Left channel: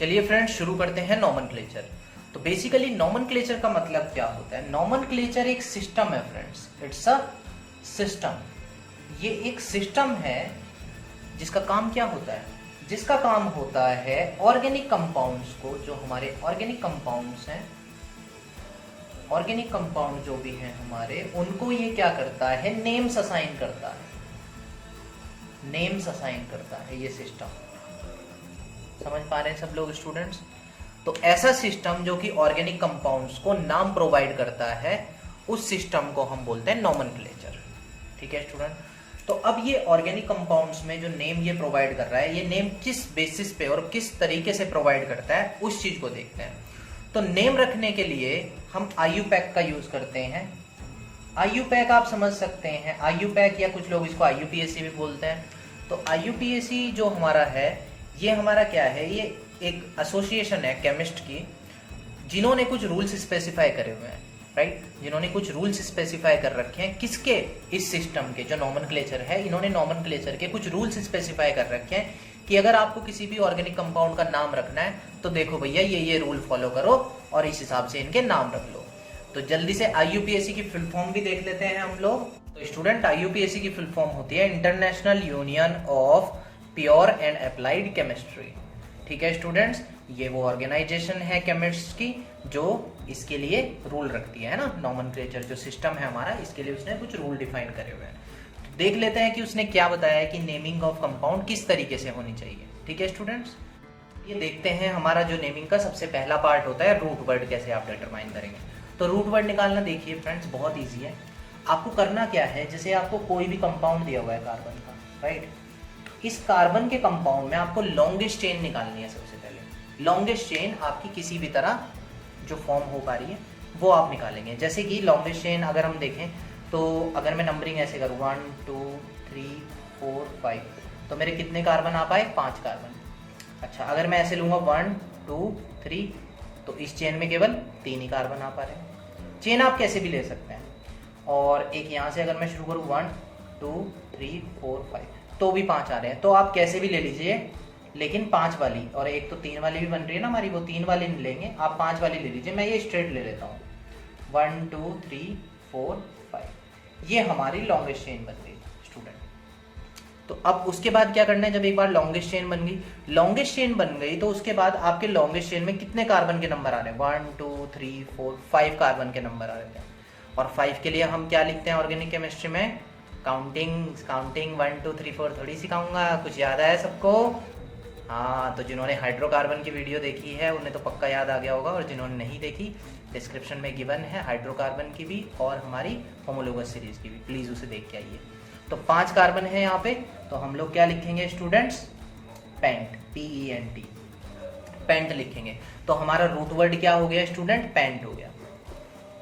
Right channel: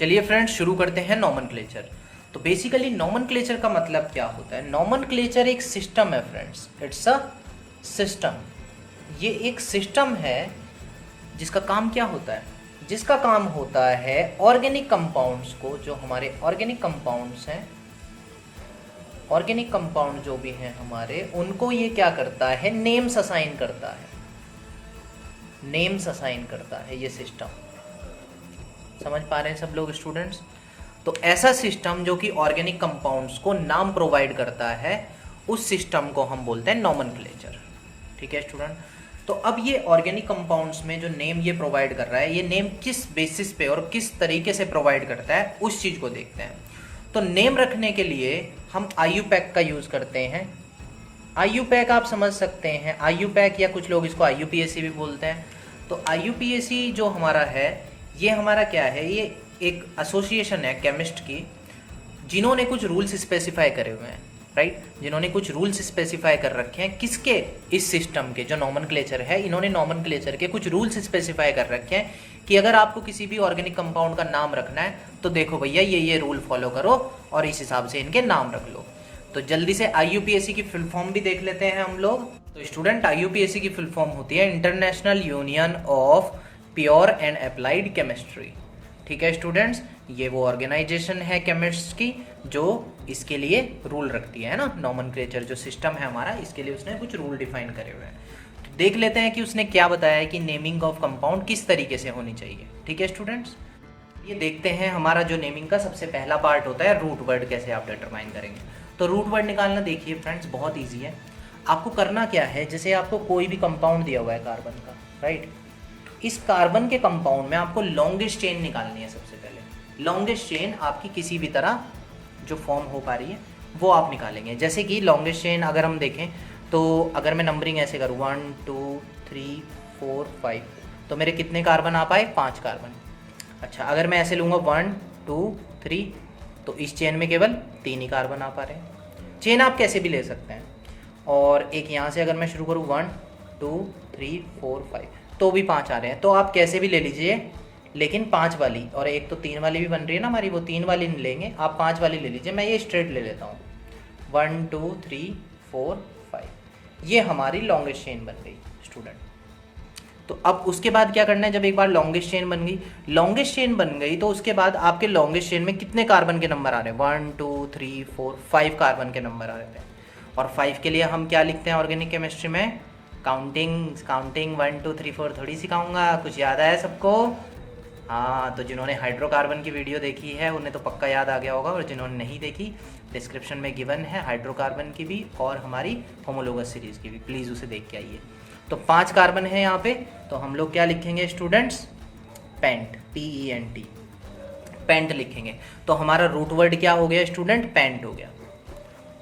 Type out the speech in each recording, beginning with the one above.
चलिए फ्रेंड्स शुरू करते हैं नॉमनक्लेचर। तो बेसिकली नॉमनक्लेचर का मतलब क्या होता है? नॉमनक्लेचर एक सिस्टम है फ्रेंड्स, इट्स अ सिस्टम। ये एक सिस्टम है जिसका काम क्या होता है? जिसका काम होता है ऑर्गेनिक कंपाउंड्स को, जो हमारे ऑर्गेनिक कंपाउंड्स हैं, ऑर्गेनिक कंपाउंड जो भी हैं हमारे, उनको ये क्या करता है? नेम्स असाइन करता है, नेम्स असाइन करता है ये सिस्टम। समझ पा रहे हैं सब लोग स्टूडेंट्स? तो ऐसा सिस्टम जो कि ऑर्गेनिक कंपाउंड्स को नाम प्रोवाइड करता है, उस सिस्टम को हम बोलते हैं नॉमनक्लेचर। ठीक है स्टूडेंट? तो अब ये ऑर्गेनिक कंपाउंड्स में जो नेम ये प्रोवाइड कर रहा है, ये नेम किस बेसिस पे और किस तरीके से प्रोवाइड करता है, उस चीज़ को देखते हैं। तो नेम रखने के लिए हम IUPAC का यूज़ करते हैं। IUPAC आप समझ सकते हैं, IUPAC या कुछ लोग इसको IUPAC भी बोलते हैं। तो IUPAC जो हमारा है, ये हमारा क्या है? ये एक एसोसिएशन है केमिस्ट की, जिन्होंने कुछ रूल्स स्पेसिफाई करे हुए हैं, राइट? जिन्होंने कुछ रूल्स स्पेसिफाई कर रखे हैं किसके? इस सिस्टम के, जो नॉमनक्लेचर है, इन्होंने नॉमनक्लेचर के कुछ रूल्स स्पेसिफाई कर रखे हैं कि अगर आपको किसी भी ऑर्गेनिक कंपाउंड का नाम रखना है तो देखो भैया ये रूल फॉलो करो और इस हिसाब से इनके नाम रख लो। तो जल्दी से IUPAC की फुल फॉर्म भी देख लेते हैं हम लोग। तो स्टूडेंट, IUPAC की फुल फॉर्म होती है international union of pure and applied chemistry. ठीक है स्टूडेंट्स? ये वो ऑर्गेनाइजेशन है केमिस्ट्स की जो इसके लिए रूल रखती है ना। नॉमनक्लेचर जो सिस्टम है हमारा, इसके लिए उसने कुछ रूल डिफाइन करे हुए हैं। तो देख लेते हैं कि उसने क्या बताया है कि नेमिंग ऑफ कंपाउंड किस तरीके से होनी चाहिए। ठीक है स्टूडेंट्स? ये देखते हैं हमारा जो नेमिंग का सबसे पहला पार्ट होता है, रूट वर्ड कैसे आप डिटरमाइन करेंगे। तो रूट वर्ड निकालना देखिए फ्रेंड्स बहुत ईजी है। आपको करना क्या है, जैसे आपको कोई भी कंपाउंड दिया हुआ है कार्बन का, राइट? इस कार्बन के कंपाउंड में आपको लॉन्गेस्ट चेन निकालनी है। सबसे पहले लॉन्गेस्ट चेन आपकी किसी भी तरह जो फॉर्म हो पा रही है वो आप निकालेंगे। जैसे कि लॉन्गेस्ट चेन अगर हम देखें तो अगर मैं नंबरिंग ऐसे करूँ 1 2 3 4 5, तो मेरे कितने कार्बन आ पाए? 5 कार्बन। अच्छा, अगर मैं ऐसे लूँगा 1 2 3, तो इस चेन में केवल 3 ही कार्बन आ पा रहे हैं। चेन आप कैसे भी ले सकते हैं। और एक यहाँ से अगर मैं शुरू करूँ 1 2 3 4 5, तो भी 5 आ रहे हैं। तो आप कैसे भी ले लीजिए, लेकिन 5 वाली, और एक तो 3 वाली भी बन रही है ना हमारी, वो 3 वाली नहीं लेंगे, आप 5 वाली ले लीजिए। मैं ये स्ट्रेट ले लेता हूँ 1 2 3 4 5, ये हमारी लॉन्गेस्ट चेन बन गई स्टूडेंट। तो अब उसके बाद क्या करना है? जब एक बार लॉन्गेस्ट चेन बन गई, लॉन्गेस्ट चेन बन गई, तो उसके बाद आपके लॉन्गेस्ट चेन में कितने कार्बन के नंबर आ रहे हैं? 1 2 3 4 5 कार्बन के नंबर आ रहे हैं। और 5 के लिए हम क्या लिखते हैं ऑर्गेनिक केमिस्ट्री में? काउंटिंग 1 2 3 4 थोड़ी सिखाऊंगा, कुछ याद आया सबको? हाँ, तो जिन्होंने हाइड्रोकार्बन की वीडियो देखी है उन्हें तो पक्का याद आ गया होगा, और जिन्होंने नहीं देखी, डिस्क्रिप्शन में गिवन है हाइड्रोकार्बन की भी और हमारी होमोलोगस सीरीज़ की भी, प्लीज़ उसे देख के आइए। तो 5 कार्बन है यहाँ पे, तो हम लोग क्या लिखेंगे स्टूडेंट्स? पेंट, PENT, पेंट लिखेंगे। तो हमारा रूट वर्ड क्या हो गया स्टूडेंट? पेंट हो गया।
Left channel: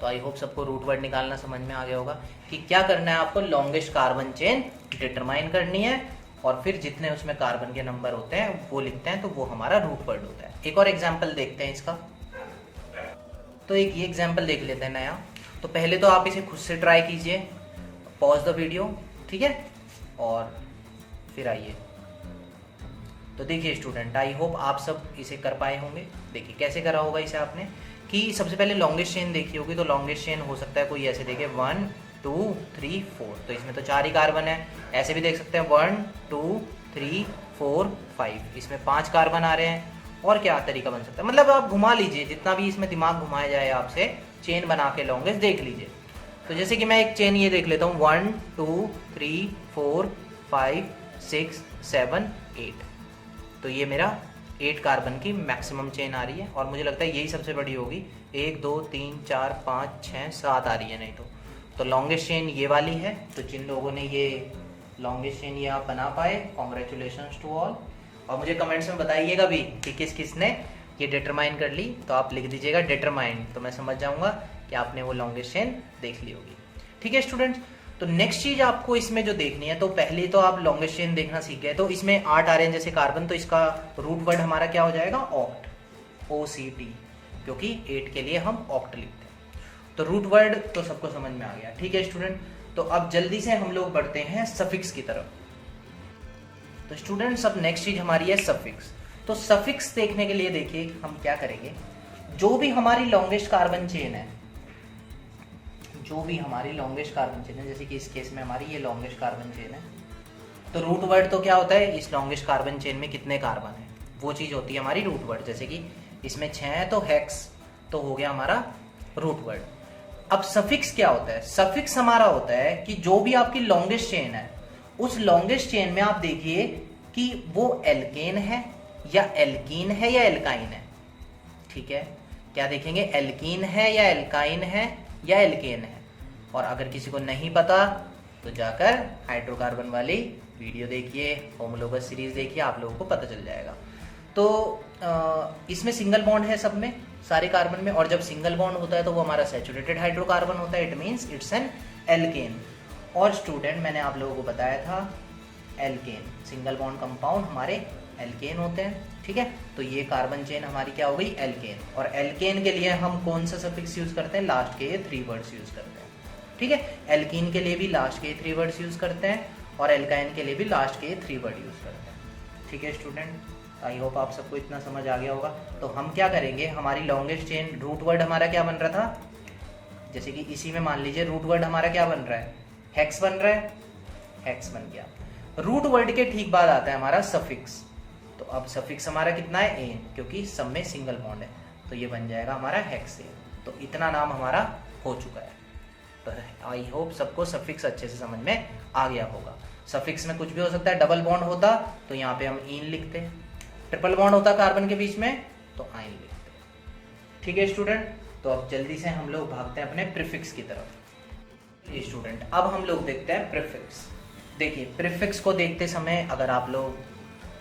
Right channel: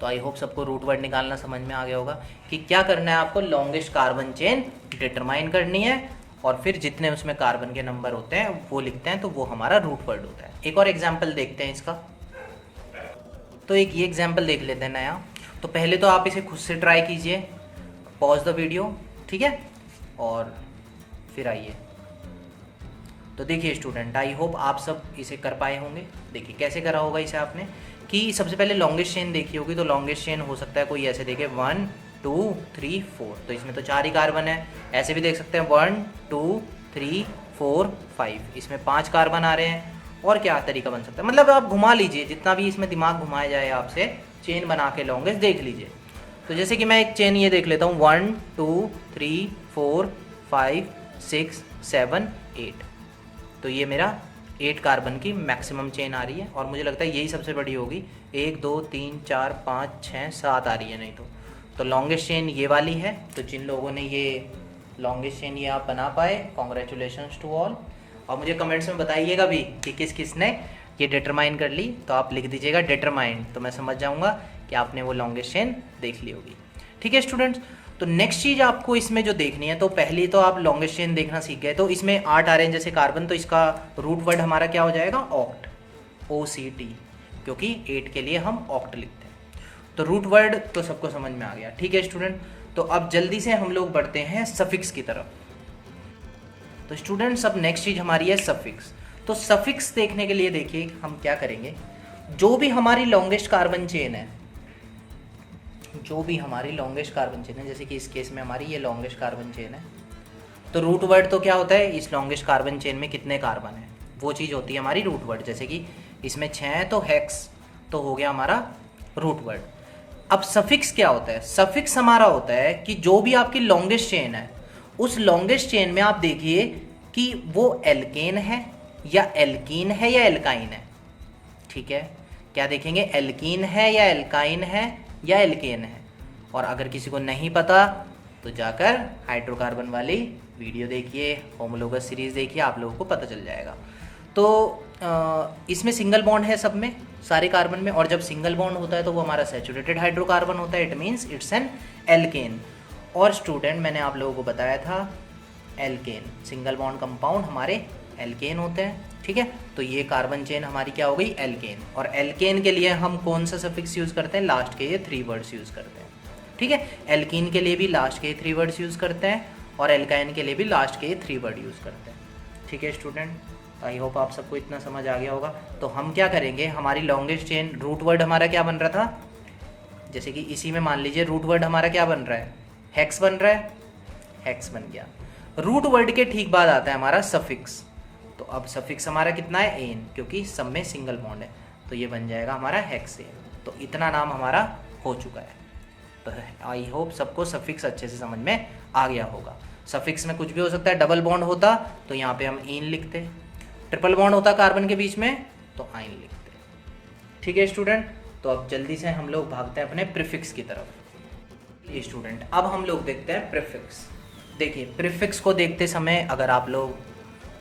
तो आई होप सबको रूट वर्ड निकालना समझ में आ गया होगा कि क्या करना है आपको? लॉन्गेस्ट कार्बन चेन डिटरमाइन करनी है, और फिर जितने उसमें कार्बन के नंबर होते हैं वो लिखते हैं, तो वो हमारा रूट वर्ड होता है। एक और एग्जाम्पल देखते हैं इसका। तो एक ये एग्जाम्पल देख लेते हैं नया। तो पहले तो आप इसे खुद से ट्राई कीजिए, पॉज द वीडियो, ठीक है, और फिर आइए। तो देखिए स्टूडेंट, आई होप आप सब इसे कर पाए होंगे। देखिए कैसे करा होगा इसे आपने, कि सबसे पहले लॉन्गेस्ट चेन देखी होगी। तो लॉन्गेस्ट चेन हो सकता है कोई ऐसे देखे 1 2 3 4, तो इसमें तो 4 ही कार्बन है। ऐसे भी देख सकते हैं 1 2 3 4 5, इसमें 5 कार्बन आ रहे हैं। और क्या तरीका बन सकता है? मतलब आप घुमा लीजिए, जितना भी इसमें दिमाग घुमाया जाए आपसे, चेन बना के लॉन्गेस्ट देख लीजिए। तो जैसे कि मैं एक चेन ये देख लेता हूँ 1 2 3 4 5 6 7 8, तो ये मेरा 8 कार्बन की मैक्सिमम चेन आ रही है, और मुझे लगता है यही सबसे बड़ी होगी। 1 2 3 4 5 6 7 आ रही है, नहीं तो लॉन्गेस्ट चेन ये वाली है। तो जिन लोगों ने ये लॉन्गेस्ट चेन ये आप बना पाए, कॉन्ग्रेचुलेशंस टू ऑल। और मुझे कमेंट्स में बताइएगा भी कि किस किस ने ये डिटरमाइन कर ली। तो आप लिख दीजिएगा डिटरमाइन, तो मैं समझ जाऊँगा कि आपने वो लॉन्गेस्ट चेन देख ली होगी। ठीक है स्टूडेंट्स? तो नेक्स्ट चीज़ आपको इसमें जो देखनी है, तो पहली तो आप लॉन्गेस्ट चेन देखना सीख गए। तो इसमें 8 आ रहे हैं जैसे कार्बन, तो इसका रूट वर्ड हमारा क्या हो जाएगा? ऑक्ट, OCT, क्योंकि 8 के लिए हम ऑक्ट लिखते हैं। तो रूट वर्ड तो सबको समझ में आ गया। ठीक है स्टूडेंट? तो अब जल्दी से हम लोग बढ़ते हैं सफिक्स की तरफ। तो स्टूडेंट्स अब नेक्स्ट चीज़ हमारी है सफिक्स। तो सफिक्स देखने के लिए देखिए हम क्या करेंगे, जो भी हमारी लॉन्गेस्ट कार्बन चेन है, जो भी हमारी लॉन्गेस्ट कार्बन चेन है, जैसे कि इस केस में हमारी ये लॉन्गेस्ट कार्बन चेन है, तो रूट वर्ड तो क्या होता है, इस लॉन्गेस्ट कार्बन चेन में कितने कार्बन है वो चीज़ होती है हमारी रूट वर्ड। जैसे कि इसमें 6 है तो हेक्स तो हो गया हमारा रूट वर्ड। अब सफिक्स क्या होता है, सफिक्स हमारा होता है कि जो भी आपकी लॉन्गेस्ट चेन है, उस लॉन्गेस्ट चेन में आप देखिए कि वो एल्केन है या एल्कीन है या एल्काइन है। ठीक है, क्या देखेंगे, एल्कीन है या एल्काइन है या एल्केन है। और अगर किसी को नहीं पता तो जाकर हाइड्रोकार्बन वाली वीडियो देखिए, होमोलोगस सीरीज देखिए, आप लोगों को पता चल जाएगा। तो इसमें सिंगल बॉन्ड है सब में, सारे कार्बन में, और जब सिंगल बॉन्ड होता है तो वो हमारा सैचुरेटेड हाइड्रोकार्बन होता है, it means it's an alkane. और स्टूडेंट मैंने आप लोगों को बताया था एल्केन, सिंगल बॉन्ड कंपाउंड हमारे एल्केन होते हैं। ठीक है, तो ये कार्बन चेन हमारी क्या हो गई, एल्केन। और एल्केन के लिए हम कौन सा सफिक्स यूज़ करते हैं, लास्ट के ये 3 वर्ड्स यूज़ करते हैं। ठीक है, एल्कीन के लिए भी लास्ट के 3 वर्ड्स यूज़ करते हैं और एल्काइन के लिए भी लास्ट के 3 वर्ड यूज़ करते हैं। ठीक है स्टूडेंट, आई होप आप सबको इतना समझ आ गया होगा। तो हम क्या करेंगे, हमारी लॉन्गेस्ट चेन रूट वर्ड हमारा क्या बन रहा था, जैसे कि इसी में मान लीजिए रूट वर्ड हमारा क्या बन रहा है, हेक्स बन रहा है, हेक्स बन गया। रूट वर्ड के ठीक बाद आता है हमारा सफिक्स। तो अब सफिक्स हमारा कितना है, एन, क्योंकि सब में सिंगल बॉन्ड है, तो ये बन जाएगा हमारा हेक्सेन। तो इतना नाम हमारा हो चुका है। तो आई होप सबको सफिक्स अच्छे से समझ में आ गया होगा। सफिक्स में कुछ भी हो सकता है, डबल बॉन्ड होता तो यहाँ पे हम इन लिखते, ट्रिपल बॉन्ड होता कार्बन के बीच में तो आइन लिखते। ठीक है स्टूडेंट, तो अब जल्दी से हम लोग भागते हैं अपने प्रीफिक्स की तरफ। ये स्टूडेंट, अब हम लोग देखते हैं प्रीफिक्स। देखिए प्रीफिक्स को देखते समय अगर आप लोग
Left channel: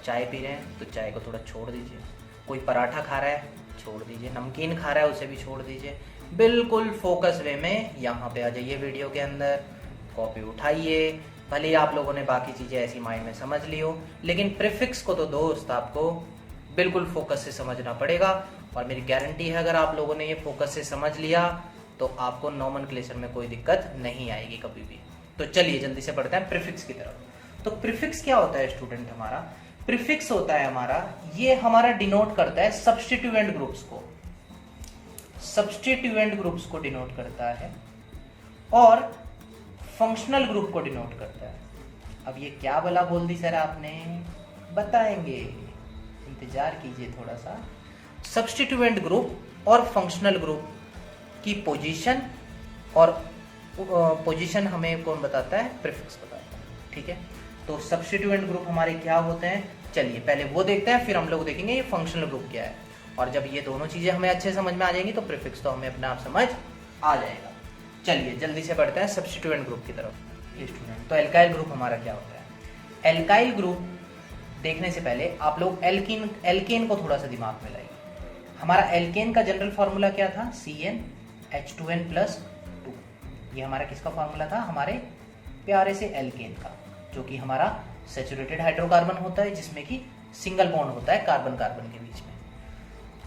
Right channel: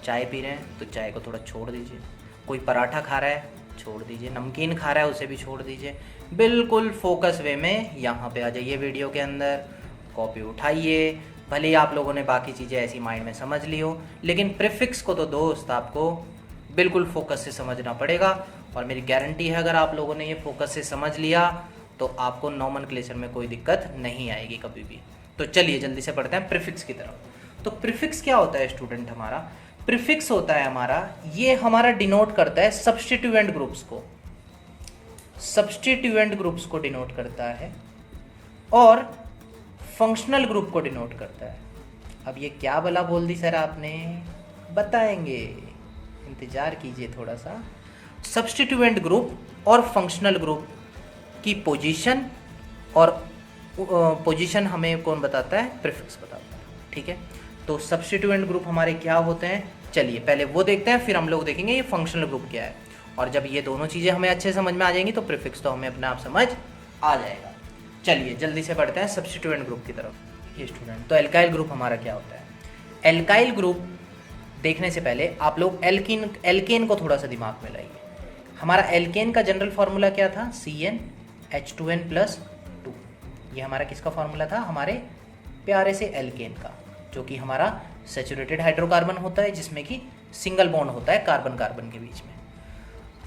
चाय पी रहे हैं तो चाय को थोड़ा छोड़ दीजिए, कोई पराठा खा रहा है छोड़ दीजिए, नमकीन खा रहा है उसे भी छोड़ दीजिए, बिल्कुल फोकस वे में यहाँ पे आ जाइए वीडियो के अंदर, कॉपी उठाइए। भले ही आप लोगों ने बाकी चीज़ें ऐसी माइंड में समझ ली हो, लेकिन प्रीफिक्स को तो दोस्त आपको बिल्कुल फोकस से समझना पड़ेगा। और मेरी गारंटी है अगर आप लोगों ने ये फोकस से समझ लिया तो आपको नॉमेनक्लेचर में कोई दिक्कत नहीं आएगी कभी भी। तो चलिए जल्दी से पढ़ते हैं प्रीफिक्स की तरफ। तो प्रीफिक्स क्या होता है स्टूडेंट, हमारा प्रीफिक्स होता है हमारा, ये हमारा डिनोट करता है सब्स्टिट्यूएंट ग्रुप्स को, सब्स्टिट्यूएंट ग्रुप्स को डिनोट करता है और फंक्शनल ग्रुप को डिनोट करता है। अब ये क्या भला बोल दी सर आपने, बताएंगे, इंतजार कीजिए थोड़ा सा। सब्स्टिट्यूएंट ग्रुप और फंक्शनल ग्रुप की पोजीशन, और पोजीशन हमें कौन बताता है, प्रीफिक्स बताता है। ठीक है, तो सब्स्टिट्यूएंट ग्रुप हमारे क्या होते हैं, चलिए पहले वो देखते हैं, फिर हम लोग देखेंगे ये फंक्शनल ग्रुप क्या है। और जब ये दोनों चीज़ें हमें अच्छे समझ में आ जाएंगी तो प्रीफिक्स तो हमें अपने आप समझ आ जाएगा। चलिए जल्दी से बढ़ते हैं सब्स्टिट्यूएंट ग्रुप की तरफ। ये स्टूडेंट, तो एल्काइल ग्रुप हमारा क्या होता है। एल्काइल ग्रुप देखने से पहले आप लोग एल्केन को थोड़ा सा दिमाग में लाइए। हमारा एल्केन का जनरल फार्मूला क्या था, CnH2n+2। ये हमारा किसका फार्मूला था, हमारे प्यारे से एल्केन का, जो कि हमारा सैचुरेटेड हाइड्रोकार्बन होता है जिसमें कि सिंगल बॉन्ड होता है कार्बन कार्बन के बीच में।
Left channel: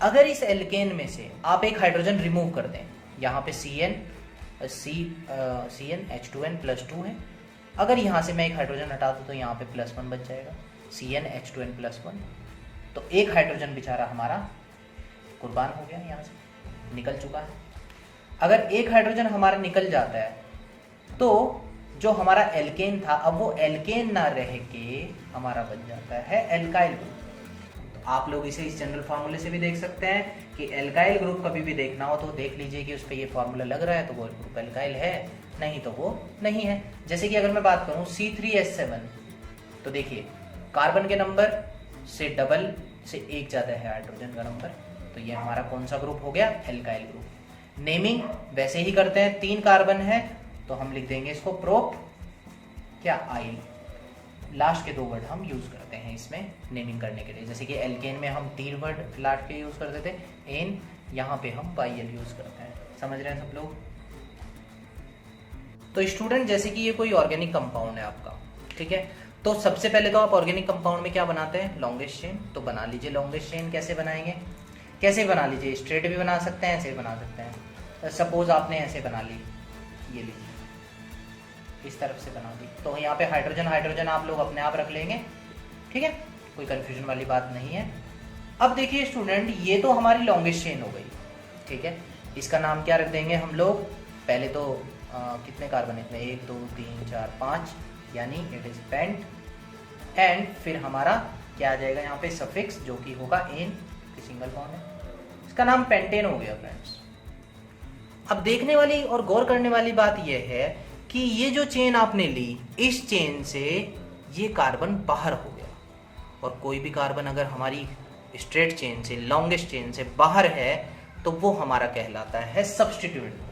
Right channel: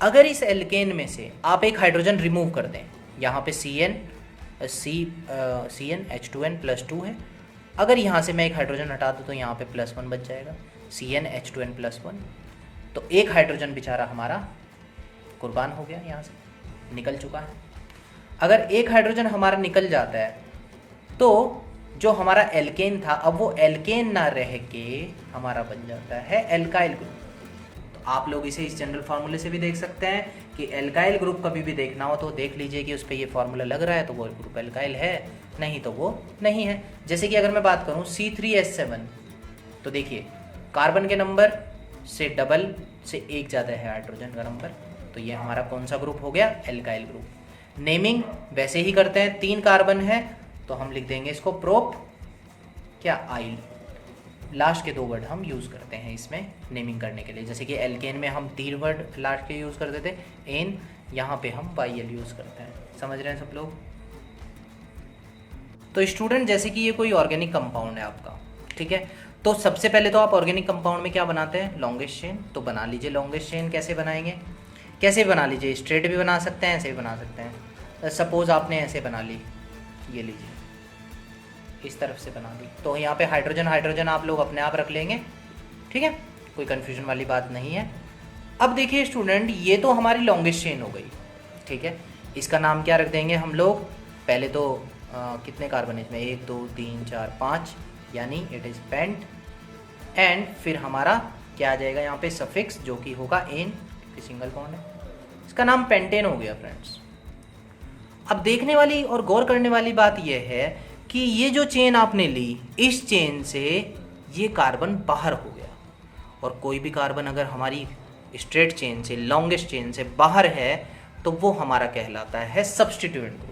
अगर इस एल्केन में से आप एक हाइड्रोजन रिमूव कर दें, यहाँ पे CnH2n+2 है, अगर यहाँ से मैं एक हाइड्रोजन हटा दूँ तो यहाँ पे +1 बच जाएगा, CnH2n+1। तो एक हाइड्रोजन बेचारा हमारा कुर्बान हो गया, यहाँ से निकल चुका है। अगर एक हाइड्रोजन हमारा निकल जाता है तो जो हमारा एल्केन था, अब वो एल्केन ना रह के हमारा बन जाता है एल्काइल ग्रुप। तो आप लोग इसे इस जनरल फार्मूले से भी देख सकते हैं कि एल्काइल ग्रुप कभी भी देखना हो तो देख लीजिए कि उस पर ये फार्मूला लग रहा है तो वो ग्रुप एल्काइल है, नहीं तो वो नहीं है। जैसे कि अगर मैं बात करूँ C3H7, तो देखिए कार्बन के नंबर से डबल से एक ज़्यादा है हाइड्रोजन का नंबर, तो ये हमारा कौन सा ग्रुप हो गया, एल्काइल ग्रुप। नेमिंग वैसे ही करते हैं, 3 कार्बन है तो हम लिख देंगे इसको प्रोप क्या, आइल। लास्ट के 2 वर्ड हम यूज़ करते हैं इसमें नेमिंग करने के लिए, जैसे कि एल्केन में हम 3 वर्ड लास्ट के यूज़ करते थे, एन, यहाँ पे हम पाइल यूज़ करते हैं। समझ रहे हैं सब लोग। तो स्टूडेंट जैसे कि ये कोई ऑर्गेनिक कंपाउंड है आपका, ठीक है, तो सबसे पहले तो आप ऑर्गेनिक कंपाउंड में क्या बनाते हैं, लॉन्गेस्ट चेन। तो बना लीजिए लॉन्गेस्ट चेन। कैसे बनाएंगे, कैसे बना लीजिए, स्ट्रेट भी बना सकते हैं, ऐसे भी बना सकते हैं। सपोज आपने ऐसे बना ली, ये लीजिए इस तरफ से बना दी, तो यहाँ पे हाइड्रोजन हाइड्रोजन आप लोग अपने आप रख लेंगे, ठीक है, कोई कन्फ्यूजन वाली बात नहीं है। अब देखिए स्टूडेंट, ये तो हमारी लॉन्गेस्ट चेन हो गई, ठीक है। इसका नाम क्या रख देंगे हम लोग, पहले तो कितने कार्बन है इसमें, 1 2 3 4 5, यानी इट इज़ पेंट। एंड फिर हमारा क्या आ जाएगा यहाँ पे, सफिक्स, जो कि होगा एन, सिंगल बॉन्ड है, इसका नाम पेंटेन हो गया फ्रेंड्स। अब देखने वाली और गौर करने वाली बात यह है कि ये जो चेन आपने ली, इस चेन से ये कार्बन बाहर हो गया, और कोई भी कार्बन अगर हमारी स्ट्रेट चेन से, लॉन्गेस्ट चेन से बाहर है, तो वो हमारा कहलाता है सब्स्टिट्यूएंट ग्रुप।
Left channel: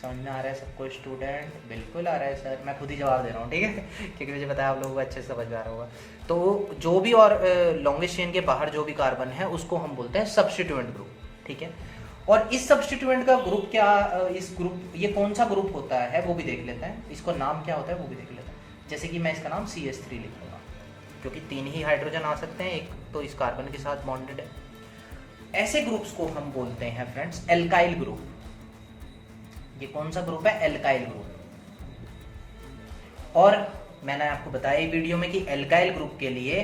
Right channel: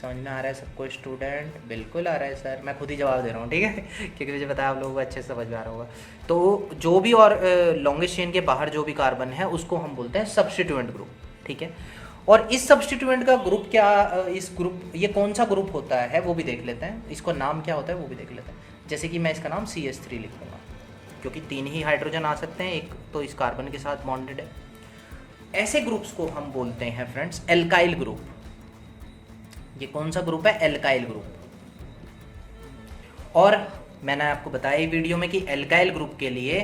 समझ में आ रहा है सबको स्टूडेंट? बिल्कुल आ रहा है सर, मैं खुद ही जवाब दे रहा हूँ, ठीक है, क्योंकि मुझे पता है आप लोगों को अच्छे से समझ में आ रहा होगा। तो जो भी और लॉन्गेस्ट चेन के बाहर जो भी कार्बन है उसको हम बोलते हैं सब्स्टिट्यूएंट ग्रुप, ठीक है। और इस सब्स्टिट्यूएंट का ग्रुप क्या, इस ग्रुप, ये कौन सा ग्रुप होता है वो भी देख लेते हैं, इसको नाम क्या होता है वो भी देख लेते हैं। जैसे कि मैं इसका नाम CH3 लिखूंगा, क्योंकि 3 ही हाइड्रोजन आ सकते हैं, एक तो इस कार्बन के साथ बॉन्डेड है। ऐसे ग्रुप्स को हम बोलते हैं फ्रेंड्स एल्काइल ग्रुप। ये कौन सा ग्रुप है, एल्काइल ग्रुप। और मैंने आपको बताया वीडियो में कि एल्काइल ग्रुप के लिए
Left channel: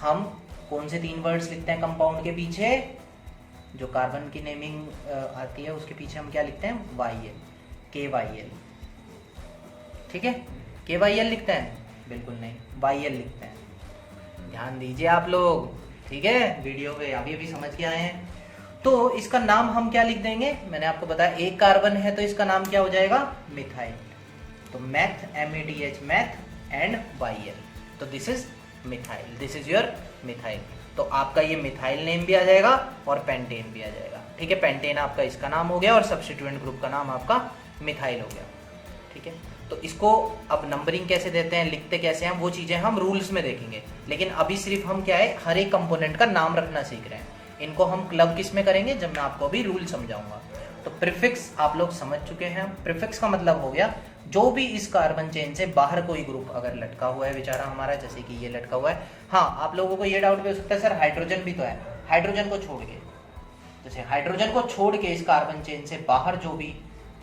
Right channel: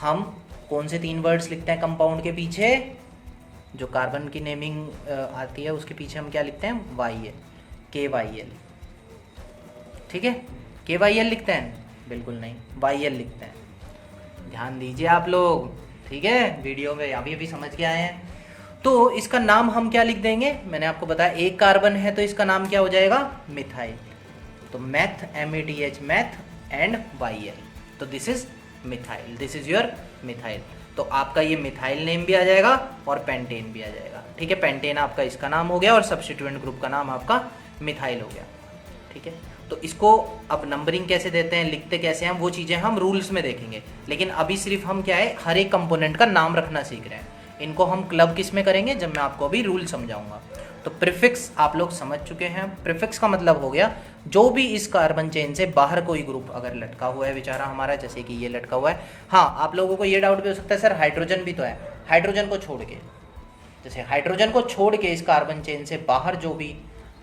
हम कौन से 3 वर्ड्स लिखते हैं कंपाउंड के पीछे, जो कार्बन की नेमिंग आती है उसके पीछे हम क्या लिखते हैं, YL, KYL, ठीक है। KYL लिखते हैं, बिल्कुल नहीं, YL लिखते हैं, ध्यान दीजिए आप लोग, ठीक है, वीडियो में अभी समझ के आए हैं। तो इसका नाम हम क्या लिख देंगे, मैंने आपको बताया एक कार्बन है तो इसका नाम क्या हो जाएगा, मिथाइल। तो math, MATH, math and YL, तो this is methyl, this is your methyl. तो आपका ये मिथाइल नेम भी आ जाएगा और पेंटेन भी आ जाएगा, ठीक है। पेंटेन आपका इसका नाम हो गया और सब्स्टिट्यूएंट ग्रुप का नाम आपका मिथाइल हो गया, ठीक है। तो इसको अब नंबरिंग कैसे देते हैं, लिखते कैसे हैं, वो चीज़ें हम रूल्स में देखेंगे, लेकिन अभी सिर्फ हम क्या है, हर एक कंपोनेंट का नाम रखना सीख रहे हैं। इनको हम क्लब किस में करेंगे, जब मैं आपको अभी रूल समझाऊंगा। तो प्रीफिक्स आप लोग समझ चुके हैं। प्रीफिक्स का मतलब हो गया जो भी इस कार्बन चेन से बाहर कोई ग्रुप अगर लटका हुआ है बेचारा हमारा, जैसे कि ये लटका हुआ है। हाँ, आप लोगों को ये डाउट भी हो सकता है सर हाइड्रोजन भी तो है, हाइड्रोजन को छोड़ के, जैसे हाइड्रोजन को छोड़ के इस कार्बन चेन से बाहर जो भी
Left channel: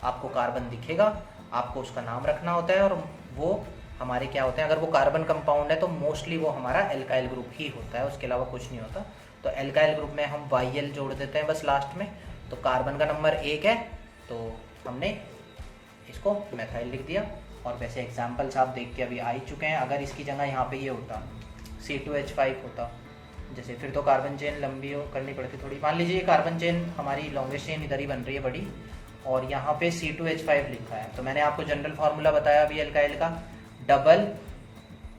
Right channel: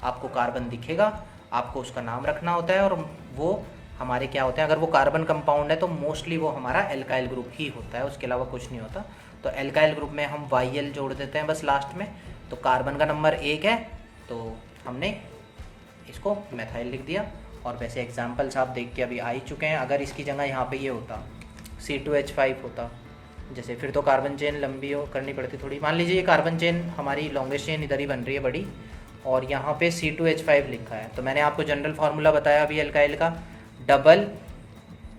आपको कार्बन दिखेगा, आपको उसका नाम रखना होता है, और वो हमारे क्या होते हैं, अगर वो कार्बन कंपाउंड है तो मोस्टली वो हमारा एल्काइल ग्रुप ही होता है, उसके अलावा कुछ नहीं होता। तो एल्काइल ग्रुप में हम YL जोड़ देते हैं बस लास्ट में। तो कार्बन का नंबर 1 है, तो हमने इसको मेथाइल लिख दिया। और वैसे एग्जाम्पल्स आप देख के अभी आ ही चुके हैं। अगर इसकी जगह यहाँ पे ये होता C2H5 होता, जैसे, फिर तो कार्बन चेन लंबी हो करनी पड़ती थोड़ी। मान लीजिए ये कार्बन चेन हमारी लॉन्गेस्ट चेन इधर ही बन रही है बड़ी, और यहाँ पे C2H5 लिखा है। तो मैंने आपको जनरल फार्मूला बताया अभी एल्काइल का, डबल,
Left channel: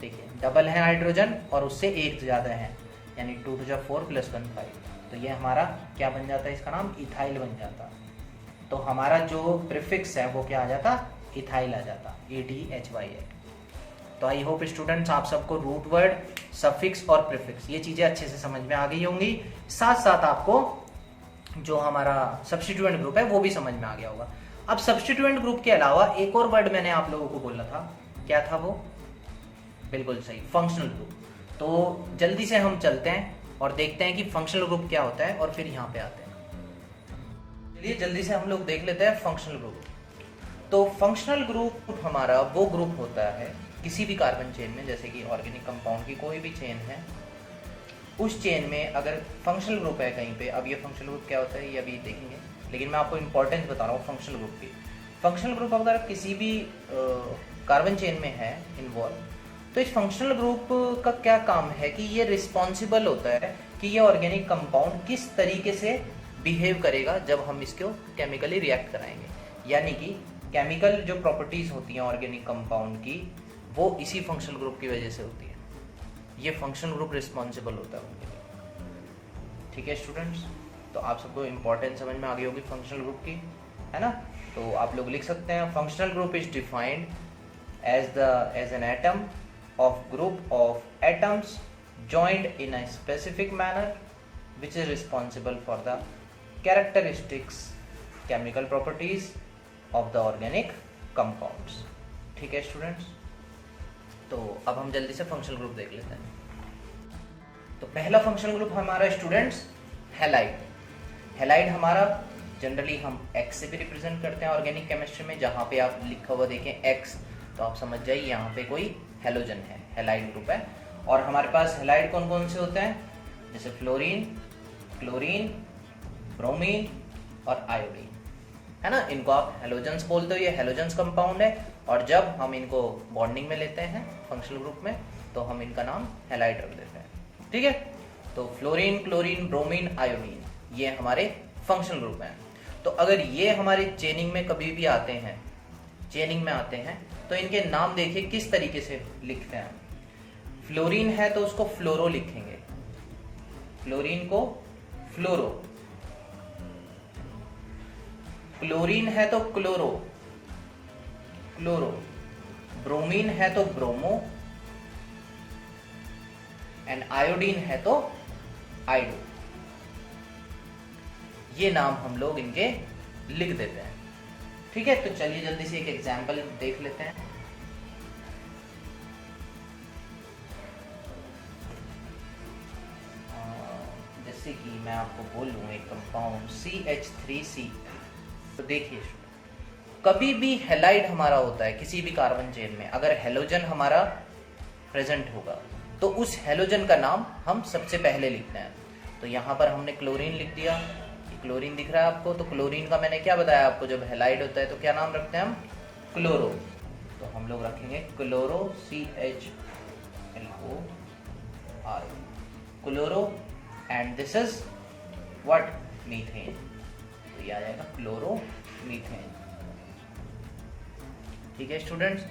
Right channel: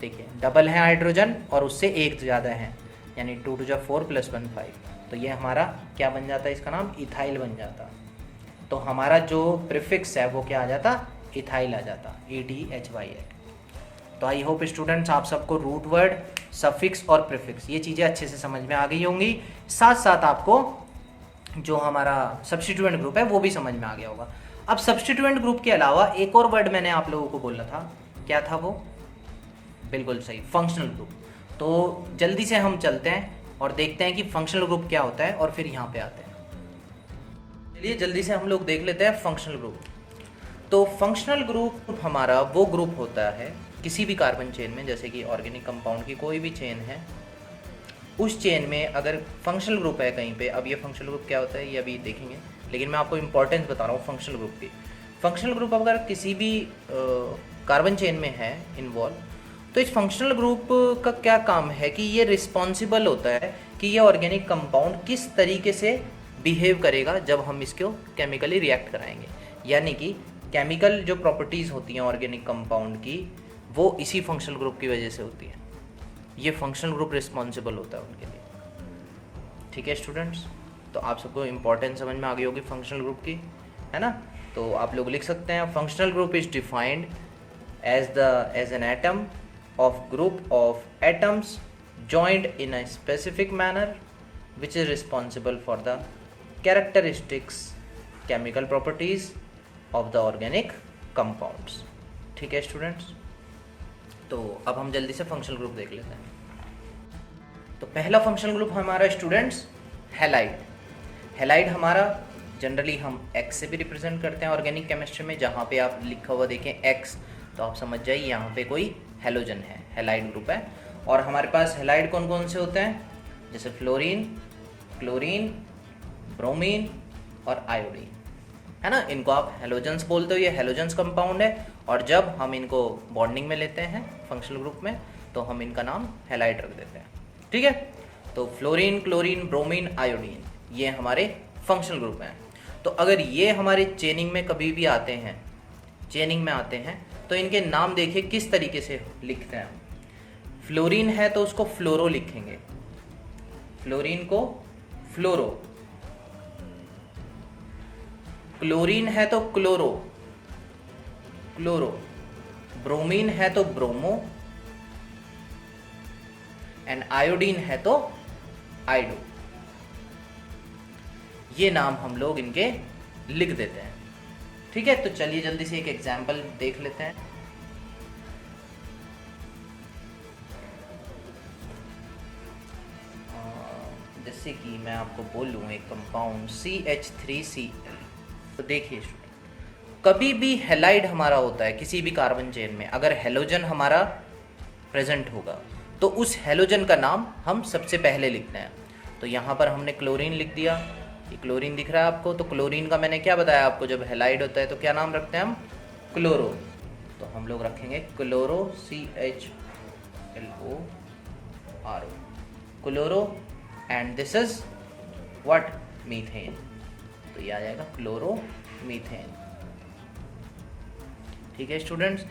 देखिए डबल है हाइड्रोजन और उससे एक ज़्यादा है, यानी 2 to 4 + 1 5। तो ये हमारा क्या बन जाता है, इसका नाम इथाइल बन जाता। तो हमारा जो प्रीफिक्स है वो क्या आ जाता, इथाइल आ जाता, ETHYL। तो आई होप स्टूडेंट्स आप सबको रूट वर्ड, सफिक्स और प्रीफिक्स ये चीज़ें अच्छे से समझ में आ गई होंगी। साथ साथ आपको जो हमारा सब्स्टिट्यूएंट ग्रुप है वो भी समझ में आ गया होगा। अब सब्स्टिट्यूएंट ग्रुप के अलावा एक और वर्ड मैंने आप लोगों को बोला था, क्या था वो, बिल्कुल सही, फंक्शनल ग्रुप। तो जल्दी से हम चलते हैं और देखते हैं कि फंक्शनल ग्रुप क्या होता है, और फिर यहाँ पे आते हैं। चलिए जल्दी से हम लोग देख लेते हैं फंक्शनल ग्रुप। तो फंक्शनल ग्रुप हमारा वो ग्रुप होता है किसी भी कार्बन चेन में, जैसे कि ऑर्गेनिक कंपाउंड की कोई भी चेन है, उस चेन में अगर फंक्शनल ग्रुप है कहीं पे। अब ये फंक्शनल ग्रुप क्या होता है ये अभी देखेंगे, लेकिन मैं आपको इंपॉर्टेंस बता रहा हूँ फंक्शनल ग्रुप की। फंक्शनल ग्रुप अगर किसी भी कार्बन चेन में है इन्वॉल्व, तो इस फंक्शनल ग्रुप का क्या काम है कि ये रिस्पॉन्सिबल होता है कि ये ऑर्गेनिक कंपाउंड किस तरीके से बिहेव करेगा जब हम इसको केमिकली रिएक्ट कराएंगे। यानी कि केमिकल जो प्रॉपर्टीज़ होती हैं ऑर्गेनिक कंपाउंड की, वो इसी फंक्शनल ग्रुप की वजह से होती है। ये फंक्शनल ग्रुप रिस्पॉन्सिबल होता है उनके लिए। ठीक है स्टूडेंट्स, तो आप सबको इम्पोर्टेंस समझ में आ गई होगी फंक्शनल ग्रुप की, है ना। तो आप लोग लिख सकते हैं functional group is defined as an atom of group of atoms joined in a specific manner which is responsible for the characteristics, chemical properties of the organic compounds। ठीक है स्टूडेंट्स, तो अब हम जल्दी से फंक्शनल ग्रुप देख लेते हैं। तो पहला फंक्शनल ग्रुप हमारा स्टूडेंट्स हैलाइड। हैलाइड हमारा जनरली हम X से भी रिप्रेजेंट करते हैं ऑर्गेनिक केमिस्ट्री में। जहाँ पे आप लिखा हुआ देखें X, तो आप समझ जाइए यहाँ पे कोई हेलोजन है, हैलाइड ग्रुप है। और हमारे पास हैलाइड कौन कौन से होते हैं, जैसे फ्लोरीन, क्लोरीन, ब्रोमीन और आयोडीन, है ना। इनको आप हेलोजेंस बोलते हो, ये हेलोजेंस कंपाउंड है। और जब हम इनको बॉन्डिंग में लेते हैं फंक्शनल ग्रुप में, तो हम इनका नाम हैलाइड रख देते हैं, ठीक है। तो फ्लोरीन, क्लोरीन, ब्रोमीन, आयोडीन, ये हमारे फंक्शनल ग्रुप हैं। तो अगर ये हमारे चेनिंग में कभी भी आते हैं, चेनिंग में आते हैं, तो इनके नाम देखिए किस तरीके से लिखते हैं। फ्लोरीन है तो उसको फ्लोरो लिखेंगे, फ्लोरीन को फ्लोरो। क्लोरीन है तो क्लोरो, क्लोरो। ब्रोमीन है तो ब्रोमो, एंड आयोडीन है तो आइडो। ये नाम हम लोग इनके लिख देते हैं, ठीक है। तो चलिए जल्दी से एक एग्जांपल देख लेते हैं। जैसे कि मैं आपको बोल लूँ एक कंपाउंड CH3C, तो देखिए कभी भी हैलाइड हमारा होता है किसी भी कार्बन चेन में, अगर हेलोजन हमारा प्रेजेंट होगा तो उस हेलोजन का नाम हम सबसे पहले लिखते हैं। तो यहाँ पर हमने क्लोरीन लिख दिया, ये क्लोरीन दिख रहा है आपको। तो क्लोरीन का मैंने क्या बताया आपको, जब हैलाइड होता है तो क्या नाम रखते हैं हम, क्लोरो। तो हम लोग रखेंगे chloro, CHLORO, chloro. And this is what, methane. तो ये आ जाएगा क्लोरो मीथेन, ठीक है स्टूडेंट्स।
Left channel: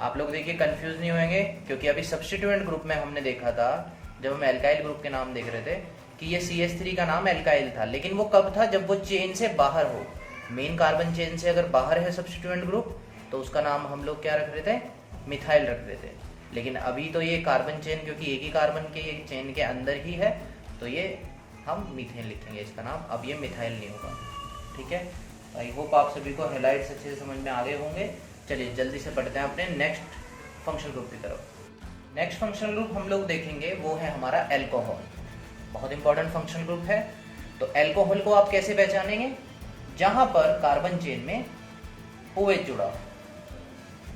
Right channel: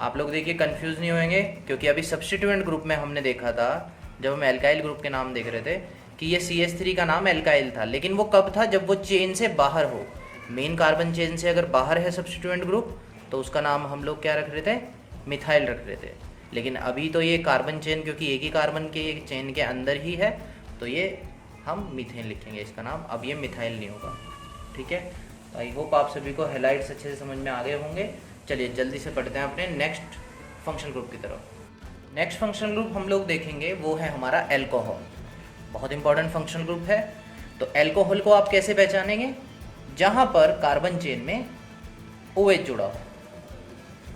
आप लोग देखिए कंफ्यूज नहीं होंगे, क्योंकि अभी सब्स्टिट्यूएंट ग्रुप में हमने देखा था, जब हम एल्काइल ग्रुप के नाम देख रहे थे, कि ये CH3 का नाम एल्काइल था। लेकिन वो कब था, जब वो चेन से बाहर हो, मेन कार्बन चेन से अगर बाहर है सब्स्टिट्यूएंट ग्रुप, तो उसका नाम हम लोग क्या रख रहे थे, मिथाइल रख रहे थे। लेकिन अभी तो ये कार्बन चेन, क्योंकि एक ही कार्बन के ये चेन के अंदर ही है, तो ये हम मीथेन लिखेंगे इसका नाम। अब ये मिथाइल नहीं होगा, ठीक है। आई होप आप सभी को हैलाइड्स अच्छे से समझ में आ गए होंगे। चलिए जल्दी से पढ़ते हैं अपने नेक्स्ट फंक्शनल ग्रुप की तरफ। नेक्स्ट फंक्शनल ग्रुप हम लोग देखेंगे वो है हमारा एल्कोहल। बहुत इंपॉर्टेंट फंक्शनल ग्रुप है। तो एल्कोहल को आप कैसे पहचानेंगे, जहां पर कार्बन चेन में OH जुड़ा हो,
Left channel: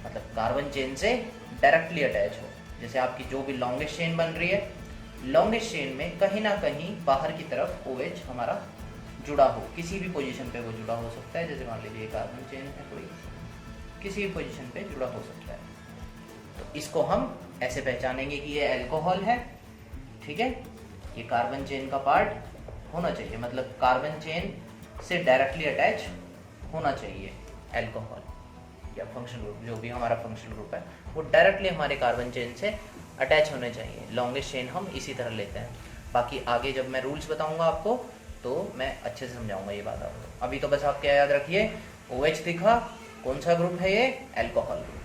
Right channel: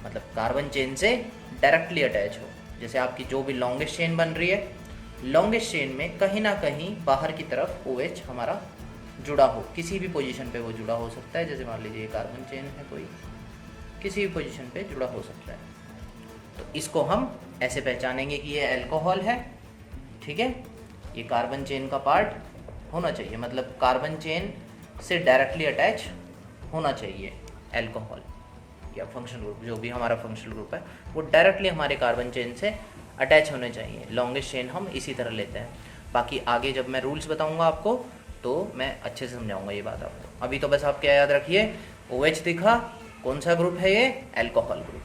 मतलब कार्बन चेन से डायरेक्टली अटैच हो। जैसे आपकी जो भी लॉन्गेस्ट चेन बन रही है, लॉन्गेस्ट चेन में कहीं ना कहीं बाहर की तरफ OH हमारा जुड़ा हो, किसी भी पोजीशन पे वो जुड़ा हो सकता है। जैसे मान लीजिए कार्बन चेन है कोई, किसी भी पोजीशन पे जुड़ा हो सकता है। तो इसको हम ऐसे पहचानेंगे कि ये अल्कोहल है, ठीक है। ये कार्बन चेन का पार्ट होना चाहिए, मतलब कार्बन चेन से डायरेक्टली अटैच होना चाहिए अल्कोहल या फंक्शनल ग्रुप, जो भी हमारा फंक्शनल ग्रुप है वो डायरेक्टली हमारे कार्बन चेन से अटैच होने चाहिए। लॉन्गेस्ट चेन हम इसी तरह लेते हैं। बाकी आगे जब मैं रूल्स बताऊंगा आपको तो मैं अच्छे से समझाऊंगा ये बात आपको। अभी तो बस आप क्या याद रखिए, OH दिखा, कौन सा ग्रुप है ये, अल्कोहल ग्रुप।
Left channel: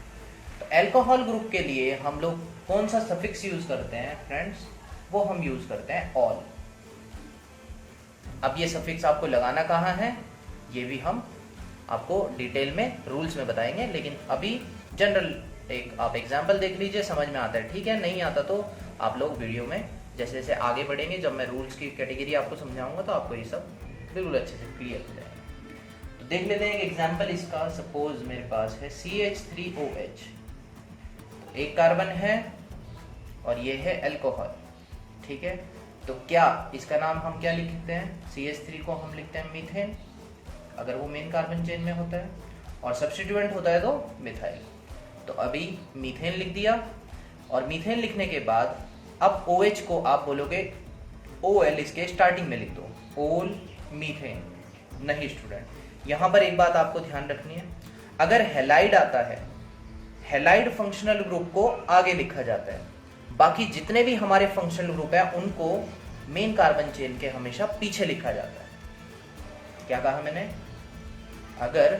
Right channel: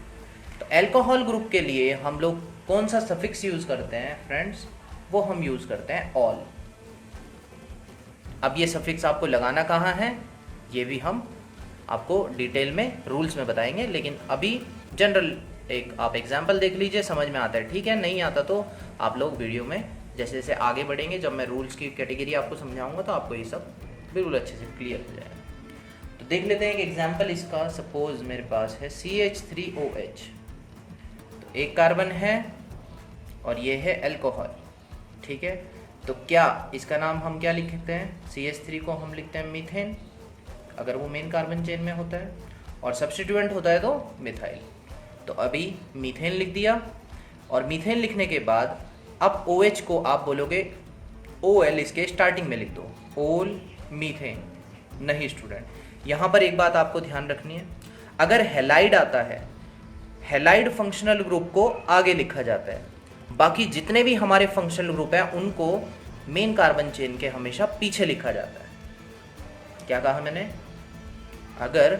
तो अल्कोहल ग्रुप के लिए हम लोग कौन सा सफिक्स यूज करते हैं फ्रेंड्स, वो हम यूज करते हैं ऑल। अब ये सफिक्स आपको लगाना कहाँ है, ये भी हम आपको डिटेल में रूल्स में बताएंगे। लेकिन अभी जनरल एक आप एग्जाम्पल देख लीजिए, समझ में आता है, ठीक है। नहीं आता तो आप लोग वीडियो में जैसे जैसे आगे बढ़ेंगे, जब मैं रूल्स की कैटेगरी आपको समझाऊंगा तो आपको ये सब बिल्कुल अच्छे से क्लियर हो जाएगा। तो देख लेते हैं एक एग्जाम्पल इसका। सपोज मेरे पास है CH3OH, तो एक कार्बन है और ये है अल्कोहल, ठीक है। तो क्या इसका नाम हम क्या लिखते हैं, CH3 को हम लिखते हैं मीथेन, अगर वो मेन कार्बन चेन में होता है, और सब्स्टिट्यूएंट होता है तो मिथाइल। तो अभी मीथेन लिख दिया, और मीथेन लिखने के बाद अब OH को आप बोलोगे OL इसके स्टार्टिंग में लिख दो, ओल मीथेन। नहीं स्टूडेंट, यहाँ पर एक बात आपको ध्यान रखनी है, अगर हैलाइड आता है, हैलाइड फंक्शनल ग्रुप को आगे लिखा जाता है, बाकी जितने भी हमारे फंक्शनल ग्रुप है उनको मेन कार्बन चेन के हमेशा पीछे लिखा जाता है। क्या कहा मैंने, अगर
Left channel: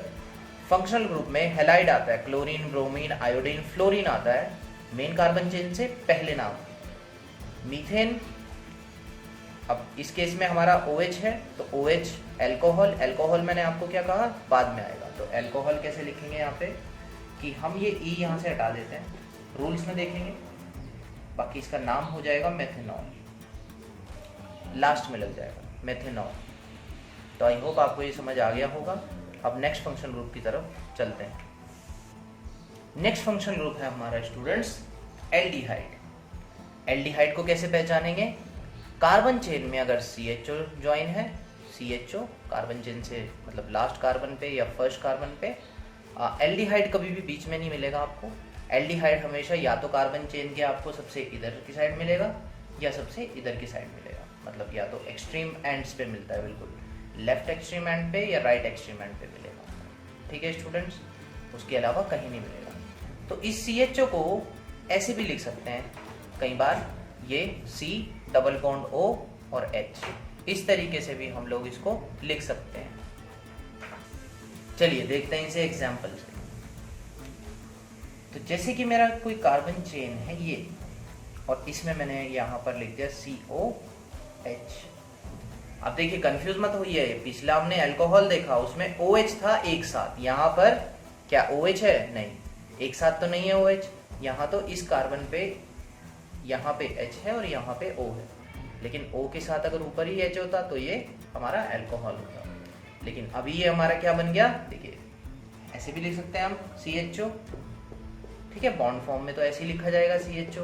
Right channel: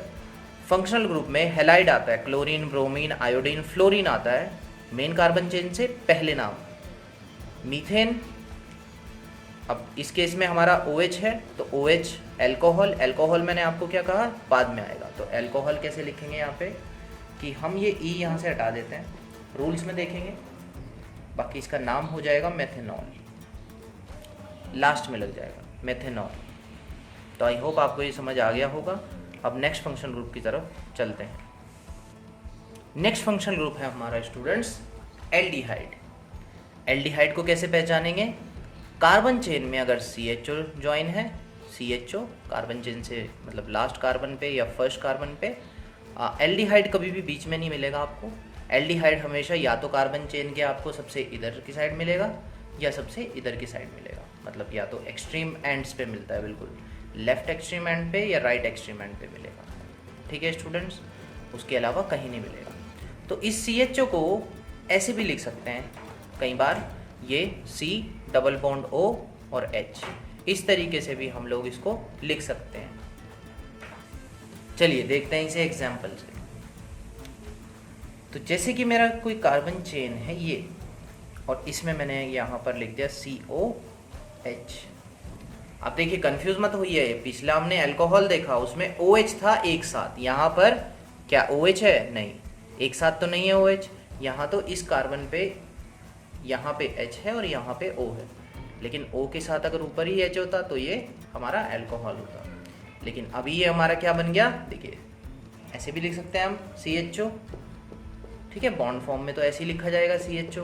फंक्शनल ग्रुप में हैलाइड आता है, क्लोरीन, ब्रोमीन, आयोडीन, फ्लोरीन आता है, मेन कार्बन चेन से पहले नाम मीथेन। अब इस केस में हमारा OH है, तो OH अल्कोहल, अल्कोहल मैंने आपको क्या कहा बाद में आएगा। तो अल्कोहल कैसे लिखेंगे यहाँ पे, कि हम ये E यहाँ से हटा देते हैं, रूल्स में देखेंगे, बाकी इसका नाम हो जाएगा मेथेनॉल, लास्ट में लग जाएगा मेथेनॉल। तो आई होप आपको ये समझ आ गया होगा। अब नेक्स्ट फंक्शन ग्रुप की तरफ चलते हैं। नेक्स्ट फंक्शन ग्रुप है हमारा स्टूडेंट्स एल्डिहाइड। एल्डिहाइड को कैसे पहचानेंगे, कार्बन चेन में अगर CHO ज्वाइन है, CHO कार्बन चेन से मतलब लास्ट कार्बन पे या फर्स्ट कार्बन पे, एल्डिहाइड कभी भी बीच में नहीं मिलेगा आपको। एल्डिहाइड हमेशा या तो कार्बन चेन के आपको सबसे इधर की साइड मिलेगा या सबसे इधर की साइड मिलेगा, मतलब या तो एक्सट्रीम एंड्स पे मिलता है, बिल्कुल लेफ्ट एक्सट्रीम एंड पे या राइट एक्सट्रीम एंड पे मिलेगा। ठीक है स्टूडेंट्स, उसके अलावा कहीं नहीं मिलेगा। तो इस CHO को ऐसे भी लिख सकते हैं कई बार, ये C डबल बॉन्ड O और H, इस तरीके से भी हम लोग इसको लिख सकते हैं। चलिए देखते हैं इसे एग्जाम्पल से। तो जैसे कि मेरा कोई कार्बन चेन है ये, और इसमें मैंने यहाँ पर लिख दिया COH। अब देखिए कंफ्यूज मत होइए, पिछला हमने अल्कोहल देखा उसमें OH था एक साथ, यहाँ पर क्या OH है? नहीं, एक साथ तो नहीं है OH। यहाँ तो इस कार्बन पे यहाँ पे H है और यहाँ पे O है, लेकिन O के साथ अगर ऊपर ही H होता तो ये हमारा अल्कोहल होता। लेकिन अभी ये हमारा क्या बन गया, देखिए ऐसे भी लिख सकते हैं हम CHO। ठीक है, बॉन्ड फॉर्म में तो ऐसे ही लिखा जाएगा CHO,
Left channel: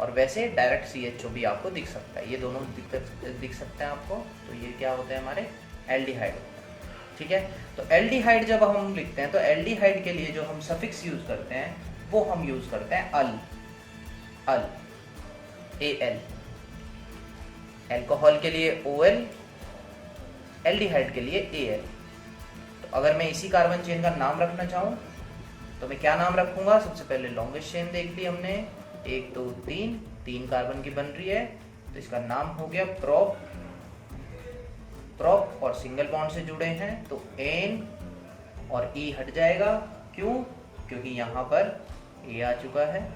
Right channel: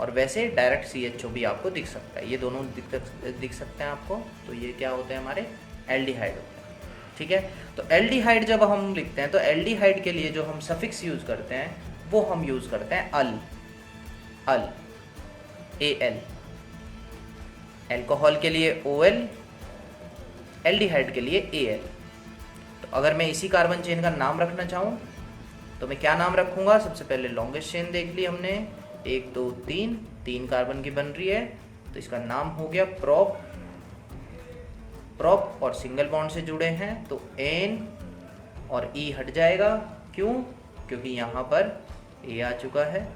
और वैसे डायरेक्ट CHO भी आपको दिख सकता है, ये दोनों दिख सकते हैं आपको। तो ये क्या होते हैं हमारे एल्डिहाइड होते हैं। ठीक है, तो एल्डिहाइड जब हम लिखते हैं तो एल्डिहाइड के लिए जो हम सफिक्स यूज करते हैं वो हम यूज करते हैं अल, AL। एल्कोहल के लिए OL, एल्डिहाइड के लिए AL। तो अगर मैं इसी कार्बन चेन का नाम रखना चाहूँ तो मैं क्या नाम रखूंगा? सबसे पहले लॉन्गेस्ट चेन देख ली हमने, 1 2 3 कार्बन की बन रही है, तो इसका नाम हो गया प्रोप। प्रोप और सिंगल बॉन्ड से जुड़े हैं तो N और E हट जाएगा। क्यों? क्योंकि यहाँ पर A आ चुका है,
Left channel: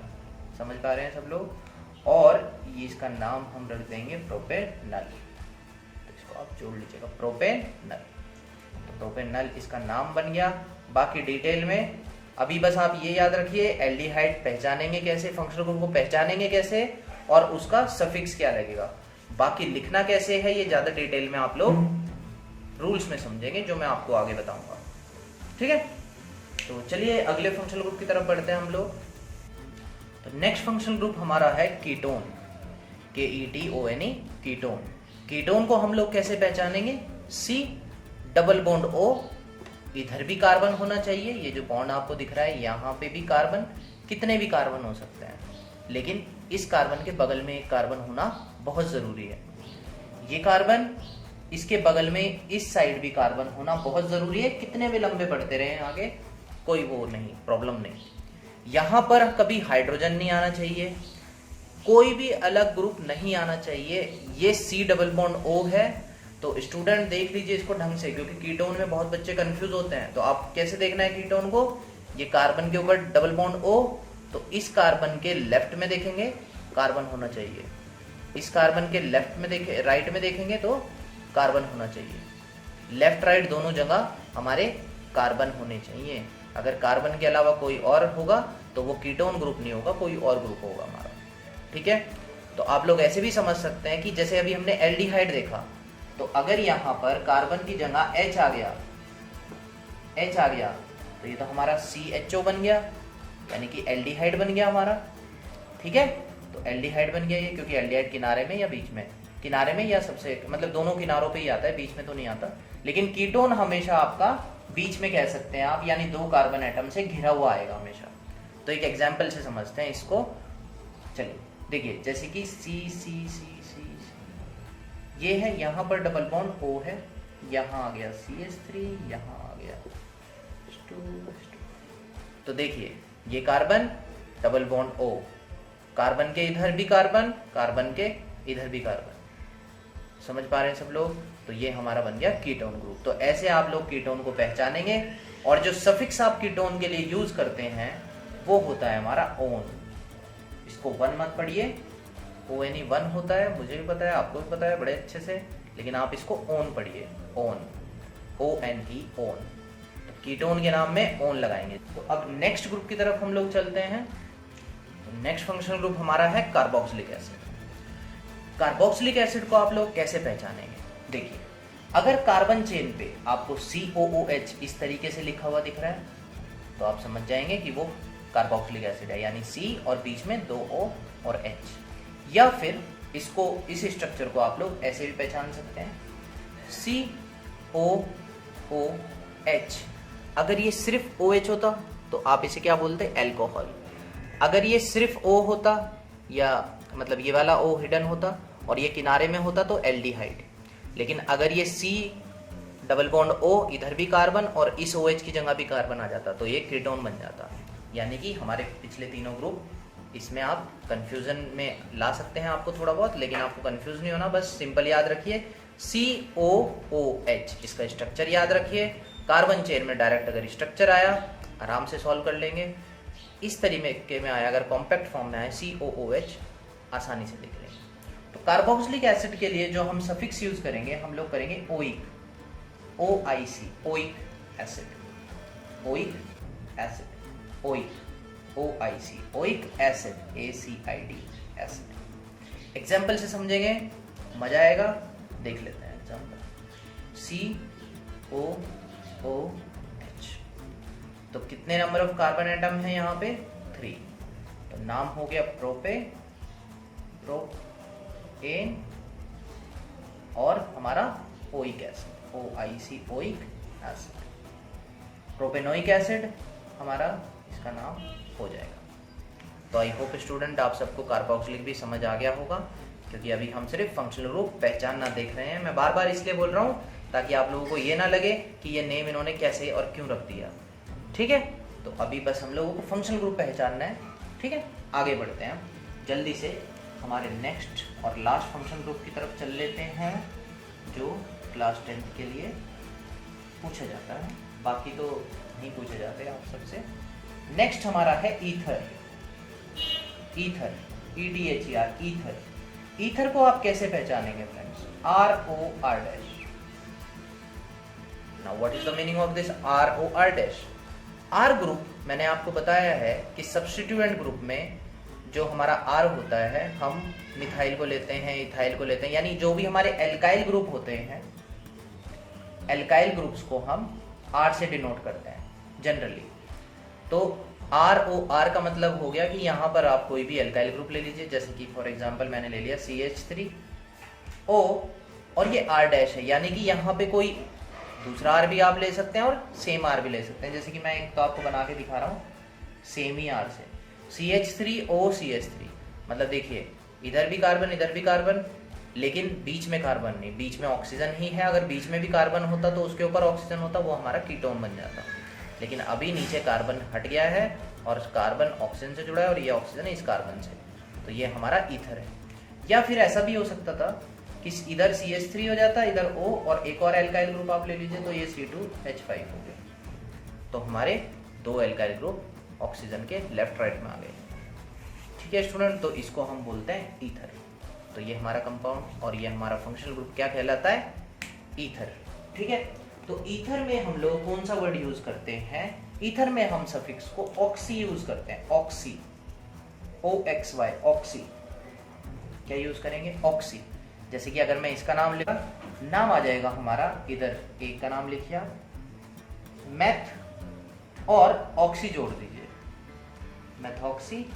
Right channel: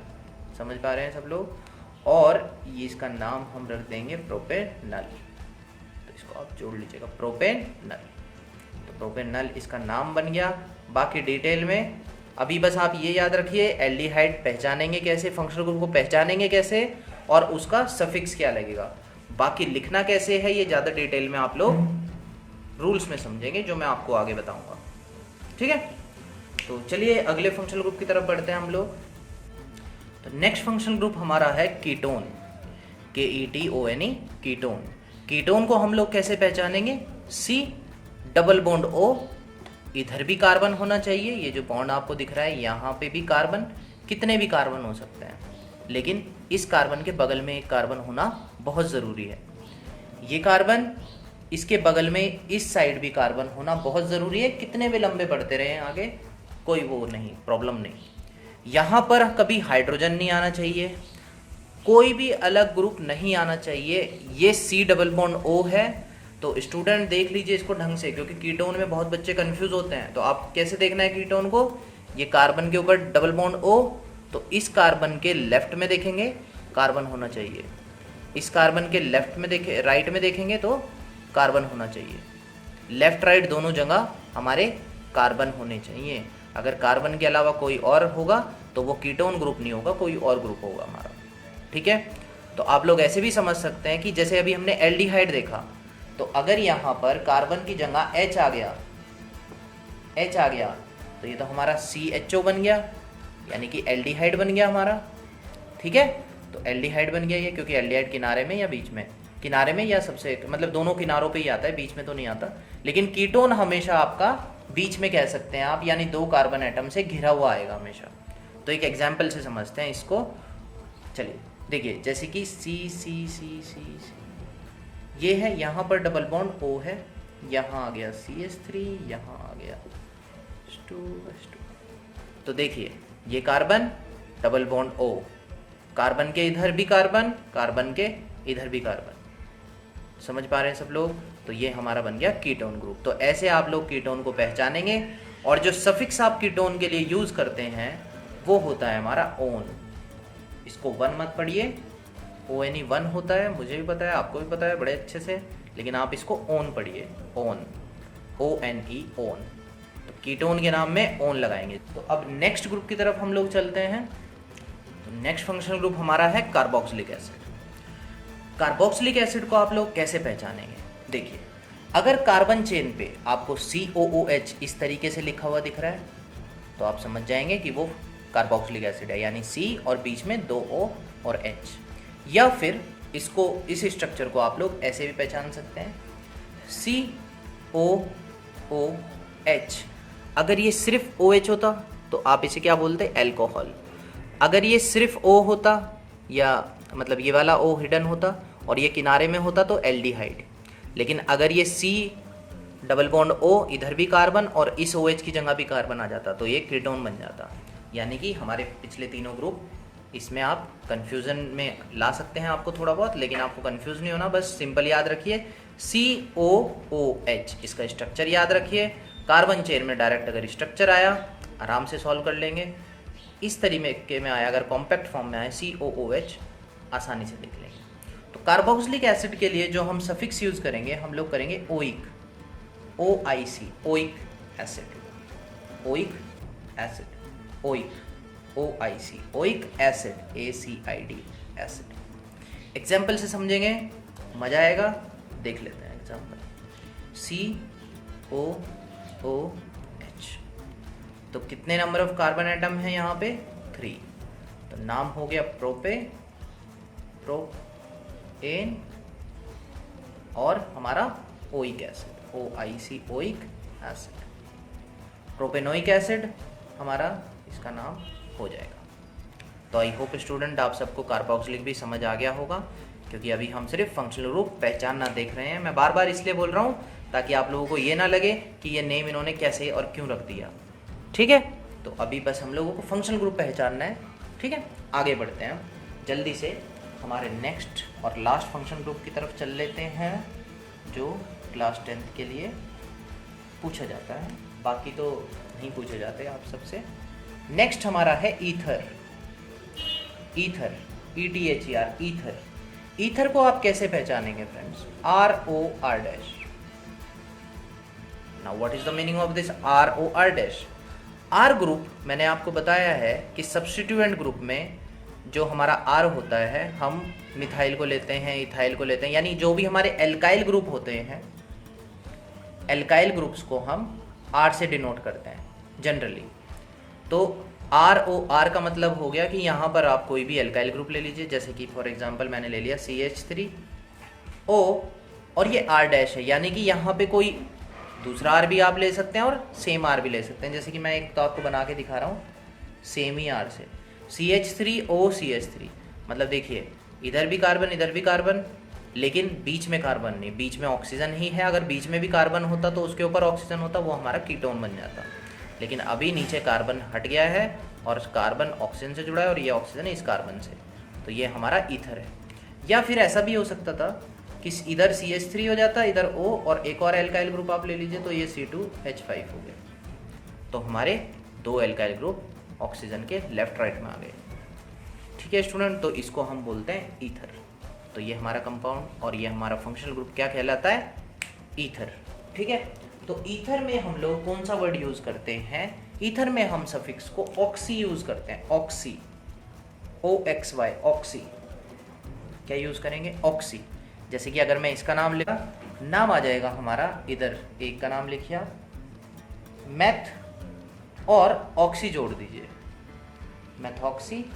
समझ पा रहे हैं सब लोग। और ये इसका नाम हम रख देंगे प्रोपेनल, तो इसको आप जोड़ लीजिएगा प्रोपेनल। तो प्रोपेनल इसका नाम बन गया। बाकी डिटेल में अभी बस आप ये याद रखिए, एल्डिहाइड पहचानेंगे कैसे, फंक्शनल ग्रुप को पहचानेंगे कैसे, और उसका सफिक्स क्या लगेगा। बाकी लिखना कैसे है ये ज़्यादा डिटेल में आप लोग रूल्स में समझेंगे, जो मैं आपको आगे बताऊंगा। ठीक है, तो चलिए अगले फंक्शनल ग्रुप की तरफ बढ़ते हैं हम लोग। तो नेक्स्ट फंक्शनल ग्रुप हमारा है कीटोन, KETONE, कीटोन। कीटोन को हम लोग कैसे पहचानेंगे? C डबल बॉन्ड O, इधर भी कार्बन होना चाहिए, ये जो बॉन्ड आपको दिख रहा है यहाँ पे भी कार्बन, कितने भी कार्बन हो सकते हैं, लेकिन इस कार्बन के बगल में एक कार्बन होना बहुत ज़रूरी है। ये कार्बन, इसके बगल में इस साइड भी कार्बन होना बहुत ज़रूरी है। कितने भी लंबे बढ़ते रहे आगे, कोई वो नहीं, प्रॉब्लम नहीं। यहाँ पर कभी हाइड्रोजन नहीं आना चाहिए, कोई भी अलग ग्रुप नहीं आना चाहिए। ये C डबल बॉन्ड O है, तो स्टूडेंट देख लीजिए इसको ढंग से, क्योंकि कीटोन में बहुत बच्चे कंफ्यूज होते हैं। तो आप कैसे देखना है कीटोन को? ये कार्बन के ऊपर डबल बॉन्ड O, तो इस कार्बन के लेफ्ट में देखेंगे कार्बन होना चाहिए, इस कार्बन के लेफ्ट में देखे राइट में देखेंगे तो कार्बन होना चाहिए। लेफ्ट राइट दोनों जगह हमारे कार्बन होने चाहिए। अगर कार्बन के अलावा कोई और होगा तो वो कीटोन ग्रुप नहीं होगा, कोई और ग्रुप होगा हमारा। ठीक है, तो आप लोग ऐसे भी समझ सकते हैं कि जैसे अभी हमने एल्डिहाइड देखा, तो अगर यहाँ पर कार्बन की जगह H आ गया तो ये तो हमारा CHO बन गया, यानी कि एल्डिहाइड बन गया हमारा। ठीक है, तो एल्डिहाइड बन गया ये, क्योंकि एल्डिहाइड किनारे में या बीच में, किनारे में या सबसे मतलब दोनों किनारों पे ही आता है, बीच में तो नहीं आता। लेकिन कीटोन हमेशा आपका बीच में कह सकते हैं आप, यानी 2 कार्बन एटम से घिरा हुआ आएगा हमेशा। तो एक एग्जाम्पल से समझते हैं इसको। चलिए देखिए, जैसे कि C ये है, यहाँ पर डबल बॉन्ड O है, यहाँ आ गया CH3, यहाँ आ गया H2। तो देखिए ये carbon double bond O, carbon के इधर भी कार्बन, कार्बन के इधर भी कार्बन, समझ पा रहे हैं सब लोग? तो ये हमारा बन गया कीटोन ग्रुप। तो ऐसे आप लोग कीटोन को पहचानेंगे, और जो सफिक्स आप कीटोन के लिए यूज करते हैं वो होता है हमारा ओन। इसको वन मत पढ़िए, ONE 1 होता है, मुझे भी पता है, आपको भी पता है बड़े अच्छे से, लेकिन आप इसको ओन पढ़िए, ओन, ONE, ओन। तो कीटोन के नाम में ओन लगाएंगे। तो अब नेक्स्ट ग्रुप की तरफ हम लोग चलते हैं। नेक्स्ट फंक्शनल ग्रुप हमारा है कार्बोक्सिलिक एसिड। कार्बोक्सिलिक एसिड को आप लोग कैसे पहचानेंगे? देखिए, अगर कार्बन चेन पे आपको COOH इस तरीके से लिखा हुआ दिख रहा है तो आप समझ जाएंगे कि वो कार्बोक्सिलिक एसिड है, यानी C और बीच में 2 O और H। या फिर इसको, इस स्ट्रक्चर को आप लोग ऐसे भी पहचान सकते हैं, COOH। अगर ये सिर्फ OH होता तो आप इसे क्या बोलते, एल्कोहल। अगर ये सिर्फ O होता, या मतलब ये वाला O हिडन होता और ये किनारे में होता तो एल्डिहाइड। लेकिन अगर ये C डबल बॉन्ड O, इधर भी कार्बन और इस OH की जगह भी कार्बन आ जाता तो ये कीटोन बन जाता। यानी कि हमारे पिछले तीनों ग्रुप, इसमें आप कंफ्यूजन में ला सकते हैं आपको थोड़ा बहुत, लेकिन आपको कंफ्यूज नहीं होना, बस सिंपल याद रखिए COOH, इसका स्ट्रक्चर याद रखिए। कार्बन चेन में डायरेक्ट अगर स्ट्रक्चर आया आराम से सॉल्व कर लेंगे, इस तरीके में आया, अगर कॉम्पैक्ट फॉर्म में आया COOH आसानी से देख लेंगे। तो कार्बोक्सिलिक एसिड के लिए जो हम सफिक्स यूज करेंगे, हम लोग करेंगे oic, OIC, oic acid, oic acid, oic, OIC, oic acid, ACID acid. Example से समझेंगे, मजा आएगा, देख लेते हैं एग्जाम्पल। COOH, तो कितने नंबर ऑफ कार्बन एटम है यहाँ पे, 3। तो नाम हो गया प्रोपेन और हमारा oic acid, OIC, oic acid, propanoic acid हमारा इसका नाम हो जाएगा। तो आई होप स्टूडेंट आप सबको कार्बोक्सिलिक भी समझ आ गया होगा, क्योंकि अभी हम सिर्फ फंक्शनल ग्रुप पहचानना देख रहे हैं। मैं बार बार इसलिए बोल रहा हूँ ताकि आप लोगों को ये ना लगे कि ये नेम इन्होंने कैसे और क्यों रख दिया, ठीक है। तो अभी बस हम लोगों को फंक्शनल ग्रुप पहचानना है, ठीक है। आगे बढ़ते हैं, जल्दी से हमारे नेक्स्ट और लास्ट फंक्शन ग्रुप की तरफ चल लेते हैं, जो क्लास 10th के लिए पूछा जाता है, बाकी तो नहीं पूछे जाते आप सबसे। नेक्स्ट हमारा है ether, ether, ETHER, ether. Ether को आप कैसे पहचानेंगे friends, ROR dash. Now what is the meaning of this ROR dash. R group मैंने आपको बताया है कि सब्स्टिट्यूएंट ग्रुप में जो हमारा R होता है, हम मिथाइल को लेते हैं, इथाइल को लेते हैं, यानी जो भी हमारे एल्काइल ग्रुप होते हैं, एल्काइल ग्रुप्स को हम R से डिनोट करते हैं जनरली। तो ROR का मतलब हो गया कि यहाँ पर आप कोई भी एल्काइल ग्रुप ले लीजिए, जैसे कि फॉर एग्जांपल मैंने ले लिया CH3O और ये R डैश है, यानी कि यहाँ पे कोई दूसरा R भी आप ले सकते हैं और सेम R भी ले सकते हैं, जैसे कि मैं एक तो आपको बना के दिखा रहा हूँ सेम ही R से, CH3O CH3, मतलब देखिए इधर भी कार्बन इधर भी कार्बन, लेकिन बीच में कार्बन नहीं, बीच में ऑक्सीजन ही है। अगर बीच में भी कार्बन होता तो उसके ऊपर ऑक्सीजन होता, वो हमारा कीटोन बन जाता। लेकिन अभी नीचे कार्बन हट गया है और कार्बन ऑक्सीजन से जुड़ा है और ये ऑक्सीजन है इस कार्बन से, तो ये हमारा ईथर है। या फिर ऐसा भी हो सकता था कि इधर CH3 हो जाता, इधर O और एक और एल्काइल ग्रुप आप ले लीजिए, तो ये C2H5 हो गया। तो हमारे 2 एल्काइल ग्रुप ऑक्सीजन के लेफ्ट राइट में आ गए, ठीक है स्टूडेंट। तो इसको हम बोलते हैं ईथर। तो ये हमारा कंपाउंड और ये हमारा फंक्शनल ग्रुप क्या कहलाता है, ईथर, ठीक है। तो ईथर में हम लोग कौन सा वर्ड यूज करते हैं, ईथर में हम सफिक्स को ऑक्सी यूज करते हैं, ऑक्सी, OXY, ऑक्सी। क्या यूज करेंगे, ऑक्सी। जैसे कि अगर मैं इसका नाम लिखा, नाम आ जाएगा हमारा, इधर एक का नाम लिखिए मैथ और ऑक्सी जोड़ दीजिए, मैथॉक्सी,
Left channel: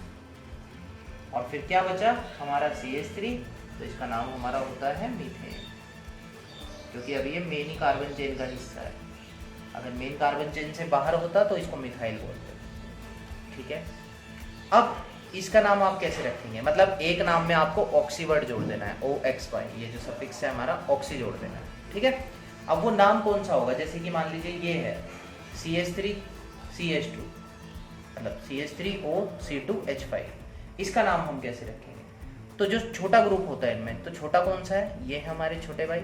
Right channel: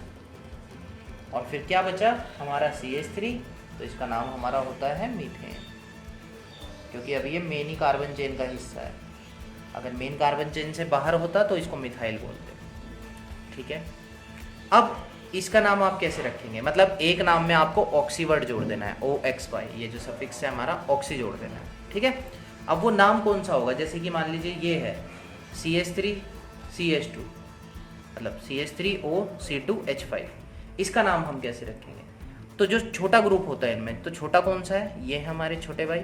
और फिर क्या बचा हमारा CH3, तो इसका नाम हमारा होता है मीथेन, क्योंकि अभी ये मेन ही कार्बन चेन का हिस्सा है। अगर मेन कार्बन चेन से बाहर होता तो इसको मिथाइल बोलते, ठीक है। अब इसका नाम आप कैसे रखेंगे, मतलब एक नाम में आपको ऑक्सी वर्ड जोड़ देना है, OXY, ये जो सफिक्स है हमारा, ऑक्सी जोड़ देना है, ठीक है। अब वो नाम कौन सा होगा, जैसे कि मान लीजिए ये है CH3 CH2, मतलब CH3O C2H5, इसका नाम हम कैसे रखेंगे। तो जो छोटा ग्रुप होता है इनमें, तो छोटा कौन सा है, ये है हमारे छोटे भाई।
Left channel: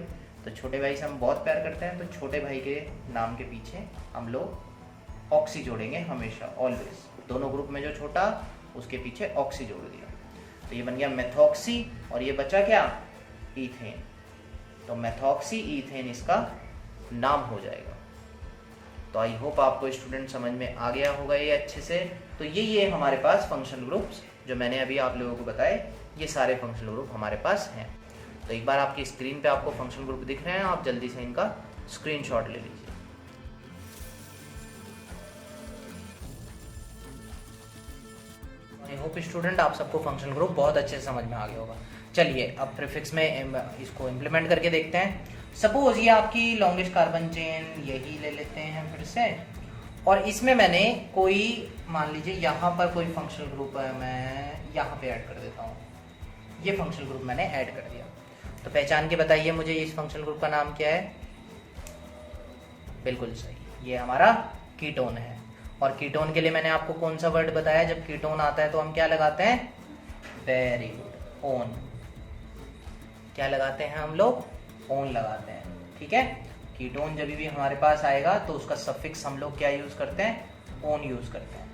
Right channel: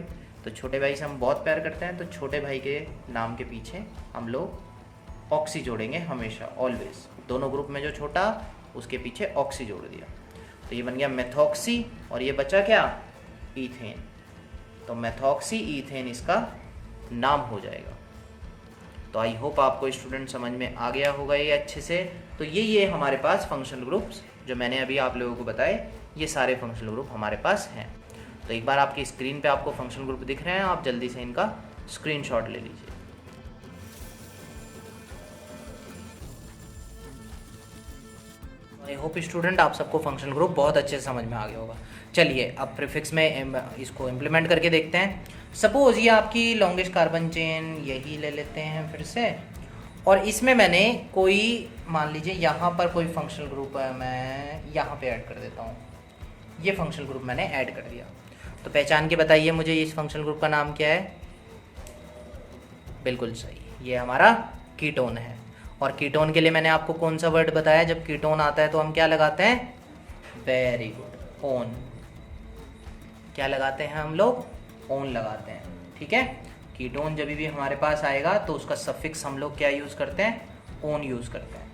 तो छोटे भाई से हम बहुत प्यार करते हैं, तो छोटे भाई के नाम के पीछे हम लोग ऑक्सी जोड़ेंगे हमेशा, ऑलवेज। दोनों ग्रुप में जो छोटा, उसके पीछे ऑक्सी जोड़ दिया, तो ये बन गया मेथॉक्सी, और ये बचा क्या, ईथेन। तो मेथॉक्सी ईथेन इसका नाम हो जाएगा। तो आई होप आपको स्टूडेंट समझ में आ गया होगा ये अच्छे से। तो ये हमारे पास फंक्शनल ग्रुप्स जो मैंने अभी आप लोगों को बताए, ये सारे फंक्शनल ग्रुप हमारे पास हैं। तो एक बार आपकी स्क्रीन पे आपको फंक्शनल ग्रुप दिख रहे हैं, आप जल्दी से इनका स्क्रीनशॉट ले लीजिए। आई होप स्टूडेंट आप सबको फंक्शनल ग्रुप बहुत अच्छे से समझ में आ गया होगा। चलिए अब प्रीफिक्स में इसको इम्प्लीमेंट करके देखते हैं। सपोज ये आपकी लॉन्गेस्ट कार्बन चेन यही ले लेते हैं फिर से, और इसमें मैंने कोई मान लीजिए यहाँ पर कोई फंक्शनल ग्रुप है, मैं यहाँ पे ऐड कर देता हूँ। ये फंक्शनल ग्रुप मैंने ऐड कर दिया, तो पहचान के बताइए मुझे इस फंक्शनल ग्रुप का नाम क्या है। बिल्कुल सही, ये हमारा कीटोन है। और कीटोन के लिए मैंने आपको कौन सा वर्ड बताया, जब कीटोन आता है तो हम क्या लगाते हैं, वेरी गुड, ओन। क्या लगाते हैं हम लोग, ओन लगाते हैं, ठीक है। कीटोन जब भी हमारे पास आएगा तो उसका सफिक्स हम लोग क्या यूज़ करते हैं, ओन यूज़ करते हैं।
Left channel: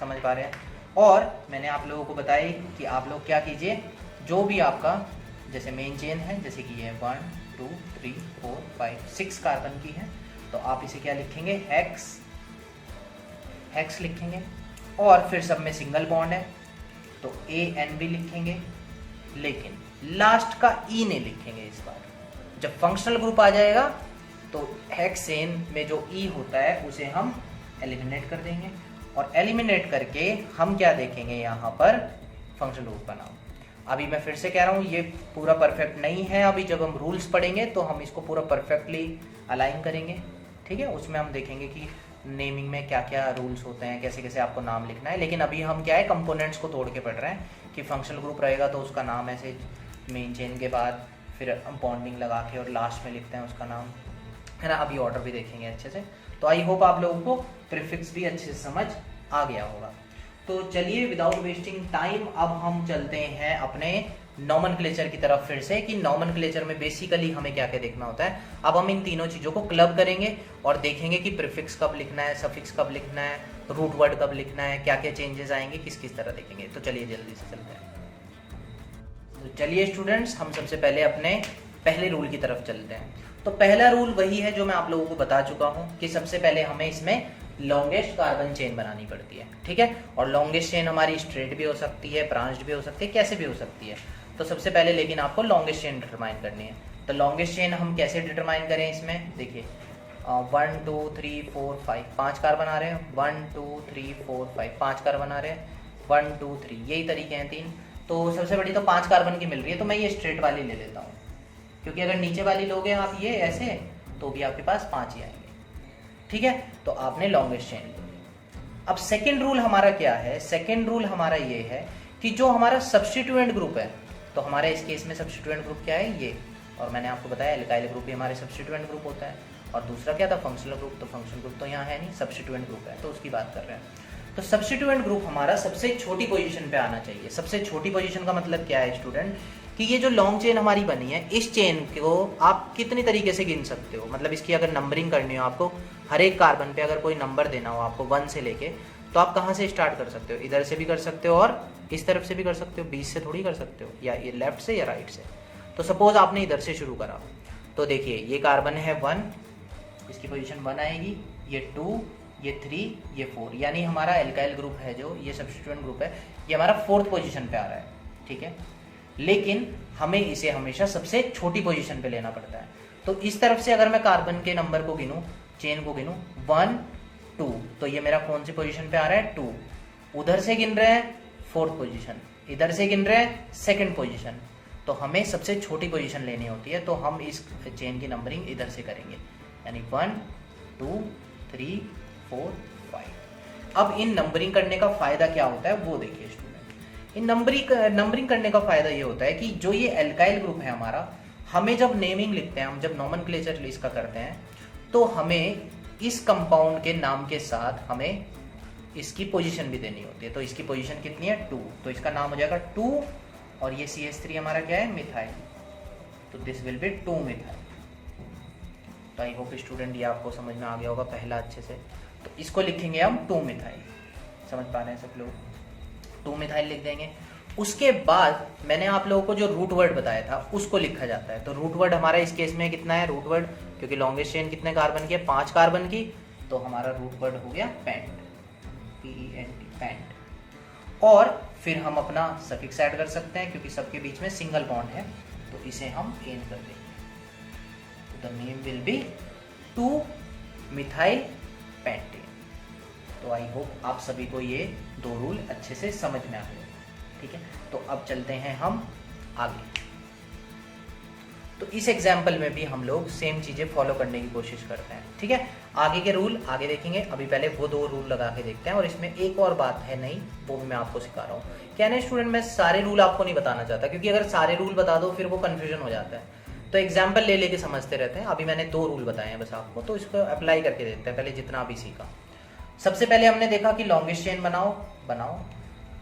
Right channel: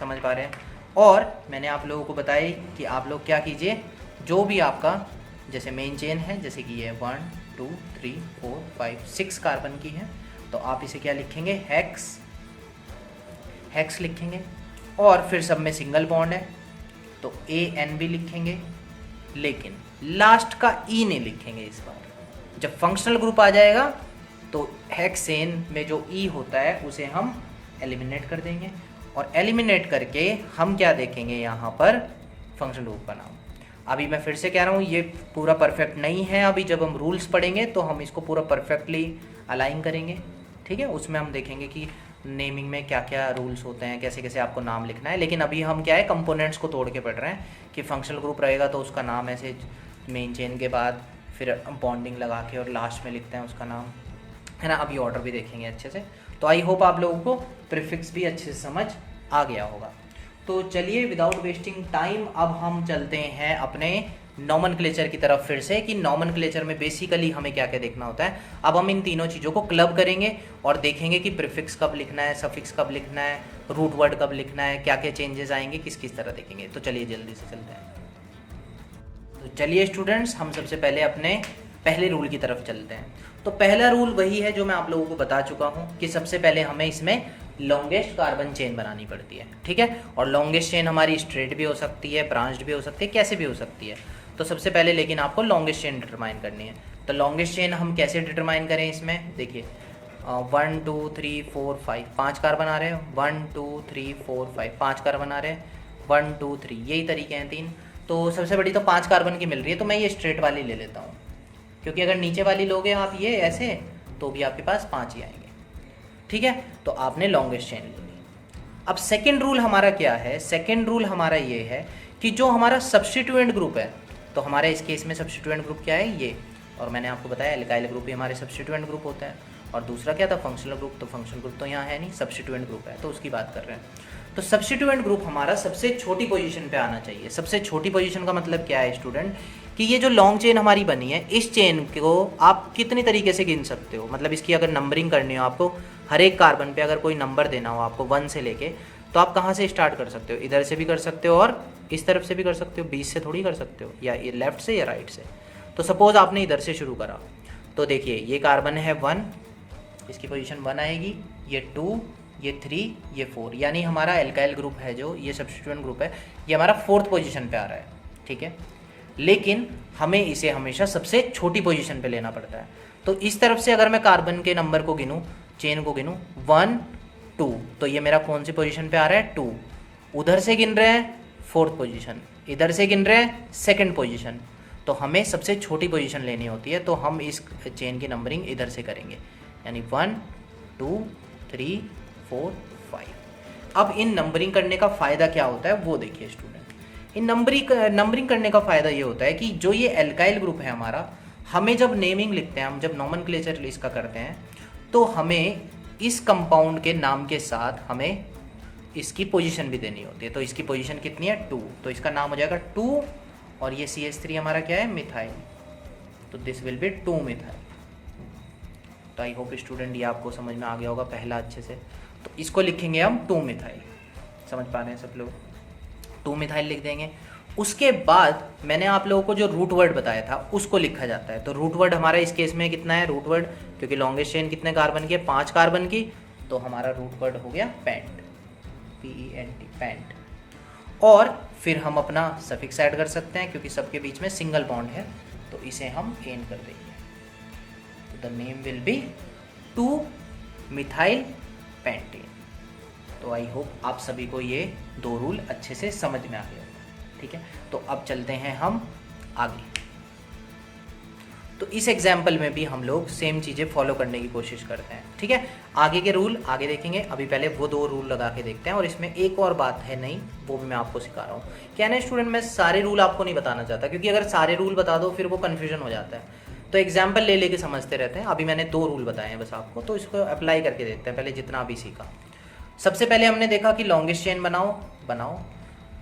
समझ पा रहे हैं। और मैंने आप लोगों को बताई कि आप लोग क्या कीजिए, जो भी आपका जैसे मेन चेन है, जैसे कि ये 1 2 3 4 5 6 कार्बन की है, तो आप इसे क्या लिखेंगे, हेक्स लिखेंगे। और फिर सब में सिंगल बॉन्ड है तो AN भी लिखेंगे, लेकिन लास्ट का E नहीं लिखेंगे इस बार। जब फंक्शनल ग्रुप आ जाएगा तो हेक्सेन में जो E होता है उसे हम एलिमिनेट कर देंगे, और एलिमिनेट करके हम क्या देखेंगे यहाँ पर, फंक्शनल ग्रुप का नाम। अभी मैं फिर से कह रहा हूँ, ये पूरा परफेक्ट नहीं है। अभी जब हम रूल्स पढ़ेंगे तो हम इसको पूरा परफेक्टली अलाइन करेंगे, ठीक है। उसमें हम देखेंगे कि नेमिंग में क्या क्या रूल्स होते हैं, कैसे कैसे आपको नाम लिखना है। लेकिन अभी हम क्या है, कंपोनेंट्स को तोड़ के पढ़ रहे हैं कि फंक्शनल ग्रुप रहेगा तो उसका नाम ऐसे मेन चेन के बाद फिर बॉन्डिंग लगा के और लास्ट में लिखते हैं उसका नाम, है ना। अभी ऑर्डर भी देखेंगे अच्छे से। तो आई होप आप लोगों को प्रीफिक्स भी अच्छे से समझ आ गया होगा। तो चलिए विदाउट वेस्टिंग टाइम अब हम चलते हैं अपने नॉमेनक्लेचर की तरफ फिर से, कि नॉमेनक्लेचर में बेसिकली हमें क्या क्या देखना होता है। अब हम इन तीनों चीज़ों को क्लब करेंगे और देखेंगे कि प्रीफिक्स कब लिखना है, सफिक्स कब लिखना है, रूट वर्ड कब लिखना है, क्या क्या चेंजेस आएंगे, किस किस तरह देखेंगे। तो चलिए जल्दी से चलते हैं। तो चलिए स्टूडेंट्स, हम सबसे पहले अपने पहले रूल की तरफ चलते हैं। तो पहला रूल वही है जो मैं आप लोगों को बता चुका हूँ कि सबसे पहले हमें इसमें लॉन्गेस्ट कार्बन चेन बनानी पड़ती है, ठीक है। और लॉन्गेस्ट चेन हमारी स्ट्रेट भी हो सकती है, ब्रांच्ड भी हो सकती है, कैसे भी हो सकती है। तो सबसे पहले लेकिन आपको लॉन्गेस्ट चेन डिटरमाइन करनी है। तो लॉन्गेस्ट चेन हम कैसे डिटरमाइन करें, इसमें देखिए 1 2 3 4 5 5 कार्बन आ रहे हैं, 1 2 3 4 5 5 कार्बन आ रहे हैं, 1 2 3, यही तरीके हैं 3। तो सबसे बड़ी तो 5 कार्बन की मिल रही है, तो मैं ये स्ट्रेट वाली ले लेता हूँ, क्योंकि अगर नीचे वाली लोगे आप ये ऐसे तो भी आपके पास 5 ही आएंगे, ठीक है। तो आपने लॉन्गेस्ट चेन ले ली। अब सेकेंड रूल हमारा क्या है, सेकेंड रूल हमारा ये है कि जो हमारा सब्स्टिट्यूएंट ग्रुप है, तो हमारे इस केस में सब्स्टिट्यूएंट ग्रुप क्या है, ये। और मैंने आपको बताया एल्काइल ग्रुप भी हमारे सब्स्टिट्यूएंट ग्रुप होता है। और दूसरा क्या था, फंक्शनल ग्रुप। तो फंक्शनल ग्रुप तो यहाँ है नहीं, सब्स्टिट्यूएंट ग्रुप है, तो उसकी बात कर रहे हैं। तो सब्स्टिट्यूएंट ग्रुप हमारा सबसे छोटी पोजीशन पे आना चाहिए। सबसे छोटी पोजीशन का मतलब क्या है स्टूडेंट, कि ये जो लॉन्ग चेन हमारी बनी है, इस चेन को आप कितनी तरीके से गिन सकते हो। मतलब इसकी अगर नंबरिंग करनी हो आपको, हर एक कार्बन पे अगर कोई नंबर देना हो आपको 1 से लेके, तो आप कहाँ से स्टार्ट कर सकते हो, इधर से भी कर सकते हो और इस तरफ से भी कर सकते हो, 20 से थोड़ी कर सकते हो, या ये लेफ्ट से या राइट से। तो सपोज आपने इधर से शुरू करा, तो देखिए ये कार्बन है 1, इसकी पोजीशन 1 आएगी, ये 2, ये 3, ये 4, यानी हमारा एल्काइल ग्रुप है जो ये सब्स्टिट्यूएंट ग्रुप है, ये हमारा 4th पोजीशन पे आ रहा है, ठीक है। लेकिन हमें इसे हमेशा सबसे छोटी पोजीशन पे लेना पड़ता है। तो इस तरफ से अगर मैं कार्बन के नंबर को गिनूँ, चेन को गिनूँ 1 2, तो ये मेरा कौन सी पोजीशन पे आ रहा है, 2। उधर से गिन रहे हैं 4th पोजीशन, इधर से गिन रहे हैं 2nd पोजीशन। तो हमें सबसे छोटी पोजीशन लेनी होती है, तो हम इस चेन की नंबरिंग इधर से करेंगे, यानी 1 2 3 4 5। अब इन नंबरिंग करने का फ़ायदा क्या होता है वो देखिए स्टूडेंट। इन नंबरिंग करने का फ़ायदा ये होता है कि जो ये एल्काइल ग्रुप है हमारा, हमें जब नेमिंग लिखते हैं, हम जब नॉमेनक्लेचर इसका करते हैं, तो हमें इस कंपाउंड के नाम के साथ हमें इसकी पोजीशन भी देनी होती है। तो इसकी पोजीशन कितनी है, 2, तो इसका नाम हो जाएगा 2, और ये CH3 हमारा क्या है, मिथाइल। तो दिस विल बी 2 मिथाइल। तो आई होप स्टूडेंट ये आपको समझ में आ गया होगा पहला अच्छे से। तो इसको लिखेंगे हम 2 मिथाइल, समझ पा रहे हैं सब लोग, 2 मिथाइल लिख देंगे। उसके बाद मैंने आप लोगों को जो रूट वर्ड बताया था उसको लिखा जाता है। तो रूट वर्ड हमारा इस केस में कितना है, रूट वर्ड, क्योंकि लॉन्गेस्ट चेन कितने कार्बन की है, 5 कार्बन की, तो हमारा रूट वर्ड हो गया पेंट, PENT, पेंट। और फिर हम अपना सफिक्स ऐड कर सकते हैं, क्योंकि सबके बीच में सिंगल बॉन्ड है, तो इसे हम एन कर देंगे। तो the name will be 2 methyl pentane. तो आई होप आप सभी को ये 2 रूल अच्छे से समझ में आ गए, ठीक है। तो अब चलते हैं हम आगे। तो इस एग्जाम्पल में भी हम लोग सेम चीज़ें फॉलो करने की कोशिश करते हैं, ठीक है। आगे के रूल आगे देखेंगे, अभी पहले वो 2 रूल लगा के देखते हैं। और इसमें एक और बात है नहीं, वो भी मैं आपको सिखा रहा हूँ। क्या ना स्टूडेंट, मैं सारे रूल आपको नहीं बताना चाहता, क्योंकि अगर सारे रूल बता दो फिर वो कन्फ्यूजन हो जाता है। तो एग्जाम्पल ले लेके समझते रहते हैं। अभी मैंने 2 रूल बताए हैं बस आपको, तो इसको अप्लाई करके देखते हैं पहले जितना अभी सीखा। सबसे पहले हमने देखा कि लॉन्गेस्ट चेन बनाओ।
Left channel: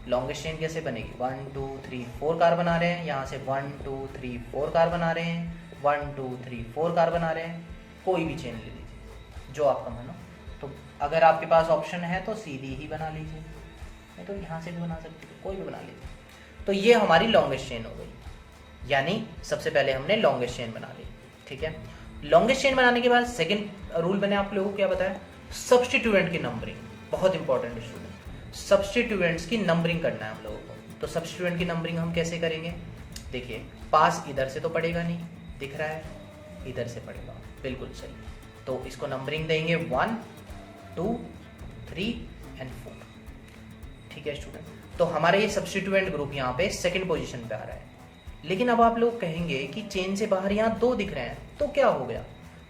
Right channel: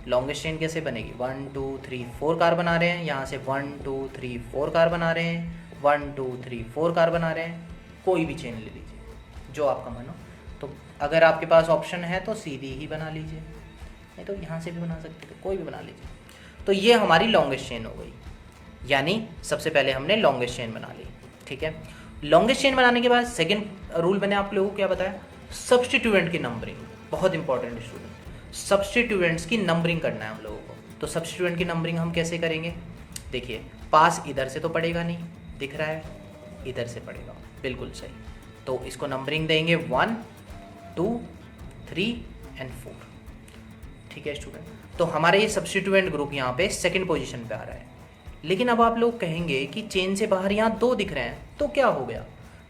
लॉन्गेस्ट चेन कैसे बनेगी, 1 2 3 4 कार बना रहे हैं, यहाँ से 1 2 3 4 कार बना रहे हैं, 1 2 3 4 कार बना रहे हैं। कोई भी चेन ले लीजिए जो आपका मन हो। तो अगर आपके पास ऑप्शन है तो सीधी ही बना लीजिए, नहीं तो यहाँ से भी बना सकते हो, कोई भी बना लीजिए। तो ये हमारी लॉन्गेस्ट चेन हो गई, यानी सबसे पहले हमने लॉन्गेस्ट चेन बना ली, ठीक है। लॉन्गेस्ट चेन बनाने के बाद सेकंड रूल मैंने आप लोगों को क्या बताया, सब्स्टिट्यूएंट की नंबरिंग, बहुत इंपॉर्टेंट स्टूडेंट। सब्स्टिट्यूएंट्स की नंबरिंग करना है हम लोगों को। तो सब्स्टिट्यूएंट की नंबरिंग हम कैसे करेंगे, देखिए पास इधर से तो पड़ेगा नहीं, दिख रहा है, इधर से पड़ेगा, बिल्कुल सही। तो इसको नंबरिंग देंगे 1 2 3 एंड 4, ठीक है स्टूडेंट। तो हमारे ये सब्स्टिट्यूएंट ग्रुप यहाँ पे सेकंड पोजीशन पे आ रहा है। लेकिन अब आप लोग कहेंगे कि चेन से बाहर यहाँ 2 दिख रहे हैं, तो क्या हो गया,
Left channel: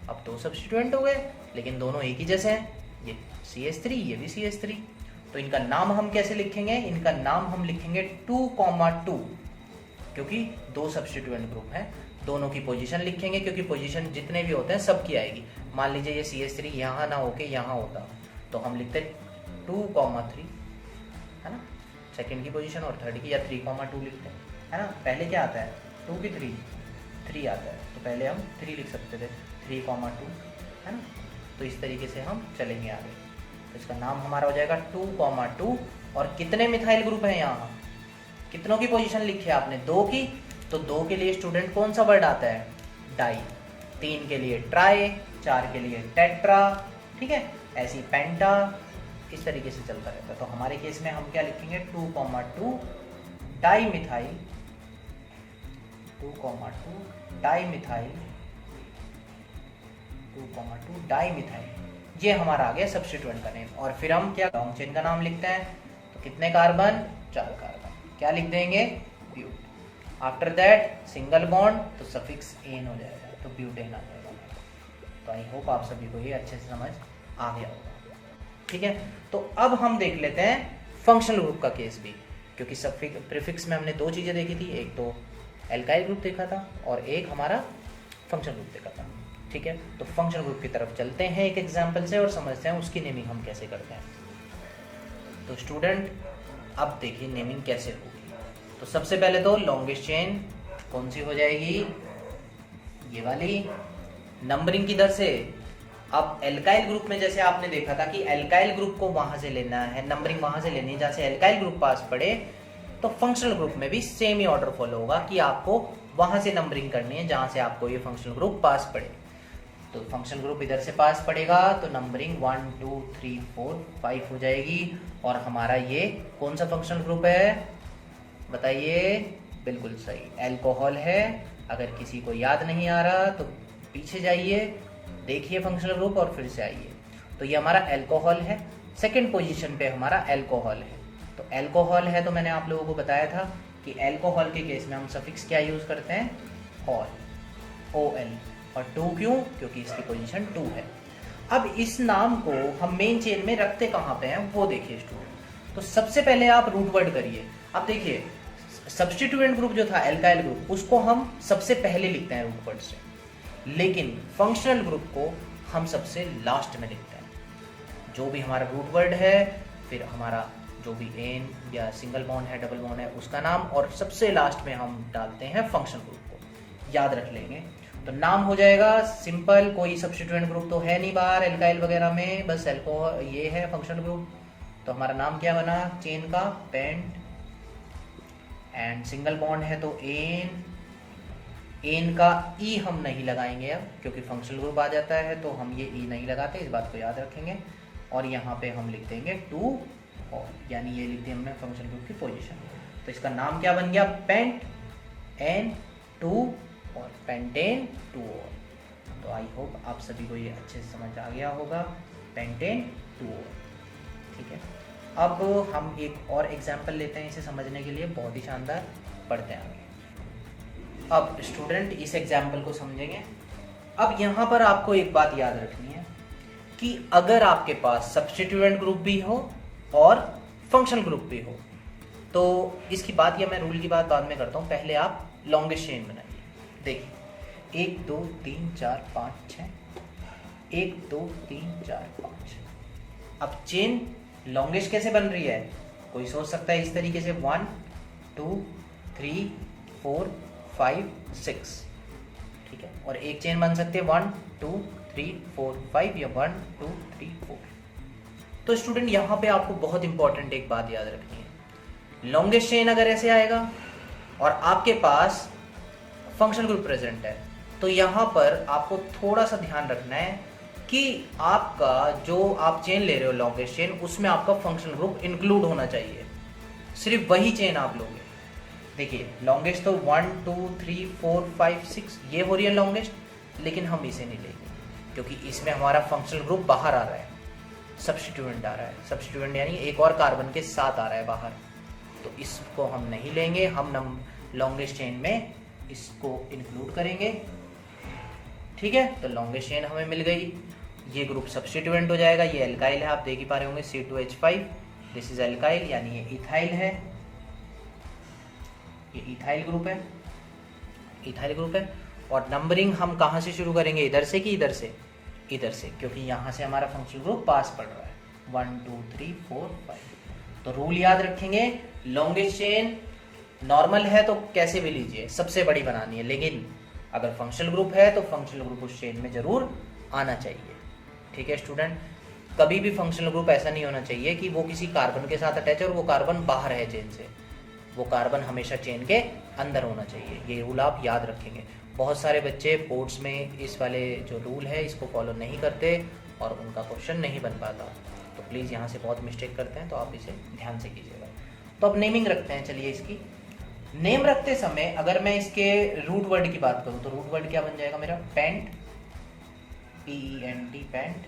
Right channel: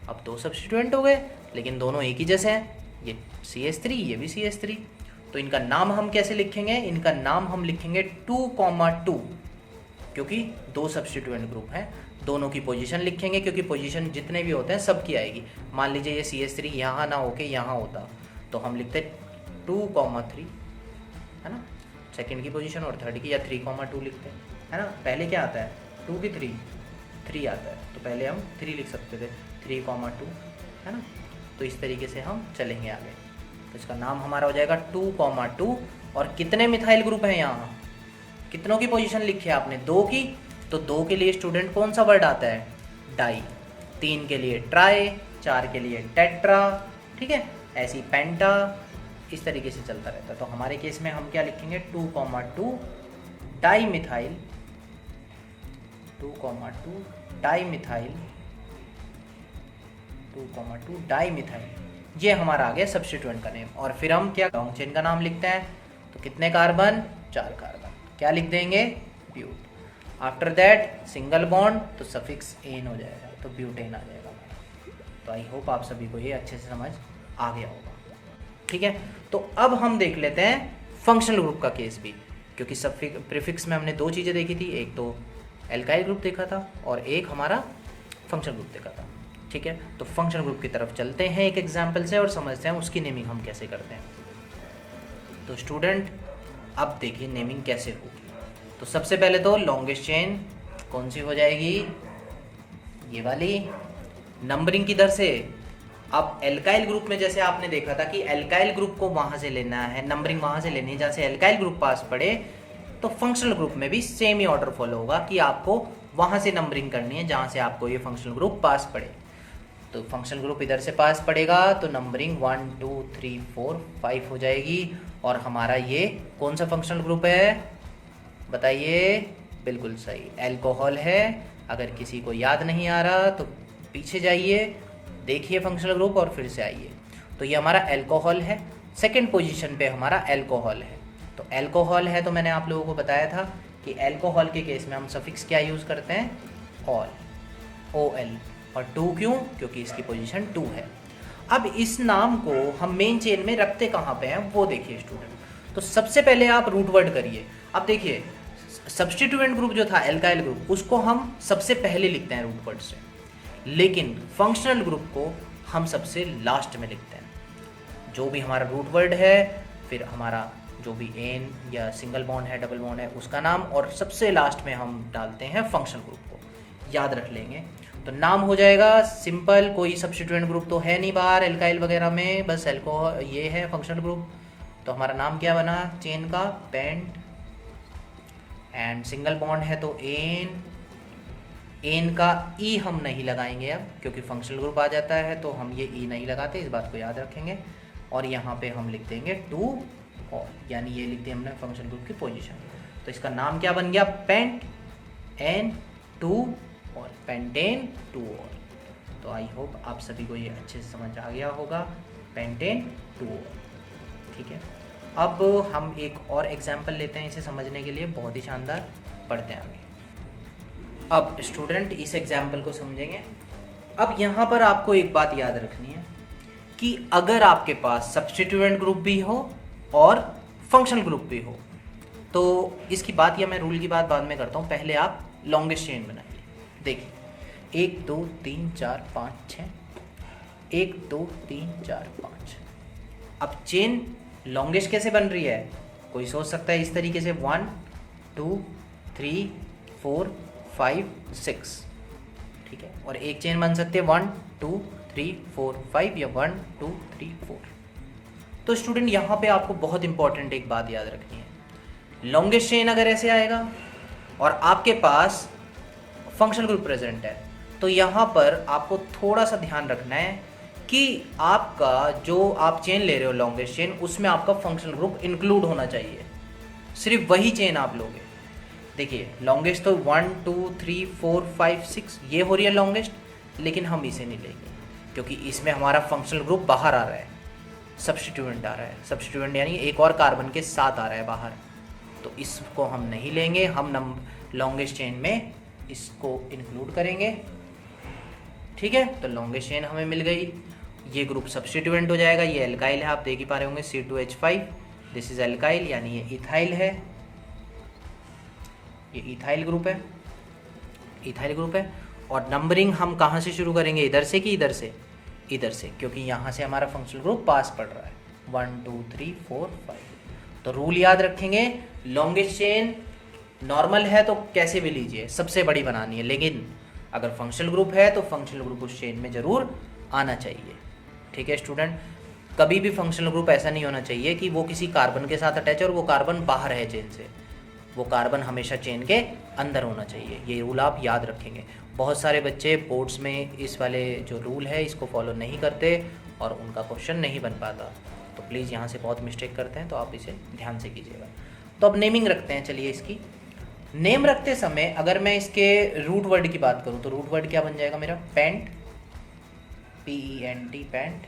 अब 2 सब्स्टिट्यूएंट हो गए, लेकिन दोनों एक ही जैसे हैं, ये CH3 ये भी CH3। तो इनका नाम हम कैसे लिखेंगे, इनका नाम हम लिखेंगे 2,2, क्योंकि 2 सब्स्टिट्यूएंट ग्रुप हैं, दोनों की पोजीशन लिखेंगे, क्योंकि पोजीशन जितने भी होते हैं सबकी आएगी। मान लीजिए ये CH3 यहाँ ना होके यहाँ होता, तो हम लिखते 2,3, है ना, सेकंड की पोजीशन, और थर्ड की या 3,2 लिखते हैं, है ना। पहले क्या आता है, 2 की 3 आता है, तो पहले हम 3 लिख सकते थे, 3,2, है ना। तो इस तरीके से हम चलेंगे आगे। तो इसका नाम हमारा हो जाएगा 2,2। और कितने मिथाइल ग्रुप हैं यहाँ, कितनों की पोजीशन लिखी है आपने, 2 की। तो 2 के लिए स्टूडेंट कौन सा वर्ड आता है, डाई। 3 के लिए ट्राई, 4 के लिए टेट्रा, ठीक है, ऐसी पेंटा, इस तरीके से चलता रहता है। तो हमारे केस में हम क्या लिखेंगे, 2,2 di methyl, 2,2 di methyl, 2,2 di methyl, ये हमारा आ गया सब्स्टिट्यूएंट का नेम। और फिर हम क्या लॉन्ग चेन का नाम लिखते हैं, तो कितने कार्बन, 4 कार्बन, क्या लिख देंगे, but. After that single bond, तो सफिक्स एन हो जाएगा, तो ब्यूटेन आ जाएगा। तो आई होप आप सभी को ये अच्छे से समझ आ गया होगा, ठीक है। तो अब हम देख लेते हैं फंक्शनल ग्रुप का केस भी, क्योंकि प्रीफिक्स में हमने 2 चीज़ें देखी थी, एक तो एल्काइल ग्रुप देखा था और एक हमारा फंक्शनल ग्रुप देखा था, ठीक है। तो फंक्शनल ग्रुप की तरफ चलते हैं एक एग्जांपल से और समझते हैं उसकी नेमिंग हम कैसे करते हैं। तो स्टूडेंट अब देखिए नेमिंग कैसे होगी। तो सबसे पहले तो लॉन्गेस्ट चेन कौन सी हो जाएगी, ये वाली। नंबरिंग किधर से, अब एल्काइल ग्रुप में जैसे आपने देखा था कि एल्काइल ग्रुप को वहाँ से लेना है, नंबरिंग वहाँ से लेनी है जहाँ से एल्काइल ग्रुप पास पड़े। तो फंक्शनल ग्रुप में भी सेम ही ऑर्डर फॉलो होगा कि आपको वहाँ से नंबरिंग करनी है जहाँ से आपको ये फंक्शनल ग्रुप पास पड़े। तो फंक्शनल ग्रुप इधर से पास पड़ेगा, तो नंबरिंग 1 2 3 4 5 हो जाएगी। और हमारा ये कौन सा फंक्शनल ग्रुप है बताइए, बिल्कुल सही, अल्कोहल है। अगर किसी को याद नहीं आ रहा तो पीछे जाइए, देखिए फंक्शनल ग्रुप और फिर से आइए। तो ये हमारा अल्कोहल है, सेकंड पोजीशन पे हमारा अल्कोहल है। तो अल्कोहल है तो मैंने आप लोगों को बताया था कि अल्कोहल के केस में हम सफिक्स क्या यूज़ करते हैं, ऑल, OL। और 2 क्यों, क्योंकि इसकी पोजीशन 2 है। अब इस नाम को हम मेन चेन में रखते कहाँ पे हैं वो देखिए स्टूडेंट। तो सबसे पहले आप रूट वर्ड करिए। अब देखिए सब्स्टिट्यूएंट ग्रुप जो था एल्काइल ग्रुप, उसको हम सबसे पहले लिखते हैं रूट वर्ड से, लेकिन फंक्शनल ग्रुप को हम सबसे लास्ट में लिखते हैं। जो भी हमारा रूट वर्ड है, फिर हमारा जो भी एन या सिंगल बॉन्ड है, डबल बॉन्ड है, उसका नाम, और सबसे लास्ट में हम डालते हैं फंक्शनल ग्रुप को। याद रख लेंगे तो नाम हो जाएगा सिंपल, कोई सब्स्टिट्यूएंट ग्रुप तो है नहीं बाहर एल्काइल वगैरह में, बस अल्कोहल ये है फंक्शनल ग्रुप। तो हमारा नाम क्या बना चेन का, पेंट। एंड सिंगल बॉन्ड है तो एन, एन का ई हम नहीं लगाएंगे अब, क्योंकि फंक्शनल ग्रुप आ जाता है तो हम ये ई नहीं लगाते, इस बात को याद रखेंगे। और यहाँ पे हम लिख देंगे 2, यानी ये लिख दिया हमने फंक्शनल ग्रुप की पोजीशन। तो इसका नाम क्या बन गया, पेंट N2 और पेंटेन 2 और। तो आई होप आप सभी को ये अच्छे से समझ आ गया होगा, पेंटेन 2 और, ठीक है। अब हम एक और एग्जाम्पल लेते हैं इसे समझने के लिए, बहुत ही शानदार, पढ़ते हैं आगे। अब स्टूडेंट इस एग्जाम्पल को समझेंगे। अब यहाँ पर आपको एक बात याद रखनी है कि अगर आपके पास सब्स्टिट्यूएंट ग्रुप भी हो और फंक्शनल ग्रुप भी हो, तो इसकी बात या मैं रूल की बात बाद में करता हूँ, पहले आप लॉन्गेस्ट चेन बनाइए। देखिए 1 2 3 4 5 6, 1 2 3 4 5। अब चेन लॉन्गेस्ट कैसे बन रही है? कोई सोच सकता है इस तरीके से 1 2 3 4 5 6, ठीक है। और एक चेन बन सकती है 1 2 3 4 5 या 1 2 3 4। तो स्टूडेंट यहाँ पे आपको बहुत इंपॉर्टेंट एक बात याद रखनी है। लॉन्गेस्ट चेन अगर ऐसे आएगा और आपके पास फंक्शनल ग्रुप प्रेजेंट है, तो यहाँ पर आपको थोड़ा सा ध्यान रखना है कि आपका जो आप चेन ले रहे हो लॉन्गेस्ट चेन, उसमें आपका फंक्शनल ग्रुप इंक्लूड होना चाहिए। सिर्फ वही चेन आप लोगे। देखिए लॉन्गेस्ट तो 1 2 3 4 5 6 ये हो रही है लॉन्गेस्ट, लेकिन हम इसे नहीं लेंगे क्योंकि इसमें हमारा फंक्शनल ग्रुप बाहर आ रहा है, सब्स्टिट्यूएंट आ रहा है। सब्स्टिट्यूएंट यानी एक और कार्बन के साथ आ रहा है बाहर, तो इसको हम नहीं लेंगे। हम लॉन्गेस्ट चेन में इसको इंक्लूड करेंगे, ठीक है। तो लॉन्गेस्ट चेन हमें मिल गई, ये ग्रुप सब्स्टिट्यूएंट हो जाएगा। ये एल्काइल है, आप देख ही पा रहे होंगे C2H5, दिस इज एल्काइल यानी ये इथाइल है, ये इथाइल ग्रुप है, इथाइल ग्रुप है। और नंबरिंग हम कहाँ से शुरू करेंगे, इधर से कि इधर से? इधर से, क्योंकि यहाँ से हमारा फंक्शनल ग्रुप पास पड़ रहा है 1 2 3 4 5। तो रूल याद रखेंगे, लॉन्गेस्ट चेन नॉर्मल है तो कैसे भी लीजिए, सबसे बड़ी बनानी है, लेकिन अगर फंक्शनल ग्रुप है तो फंक्शनल ग्रुप उस चेन में जरूर आना चाहिए, ठीक है स्टूडेंट। कभी भी फंक्शनल ग्रुप ऐसा नहीं होना चाहिए कि वो किसी कार्बन के साथ अटैच है और वो कार्बन बाहर है चेन से। वो कार्बन हमेशा चेन के अंदर होना चाहिए। ये रूल आप याद रखेंगे। बहुत सारे बच्चे बोर्ड्स में इस वाले जो रूल है इसको फॉलो नहीं करते और उनका क्वेश्चन नहीं बन पाता, तो प्लीज़ यहाँ से बहुत मिस्टेक करते हैं, तो आप इसे ध्यान से कीजिएगा। तो अब नेमिंग रखते हैं। चलिए इसकी नेम रखते समय अगर मैं इसके रूट वर्ड की बात करूँ तो रूट वर्ड क्या बन जाएगा मेरा? पेंट, PENT, पेंट,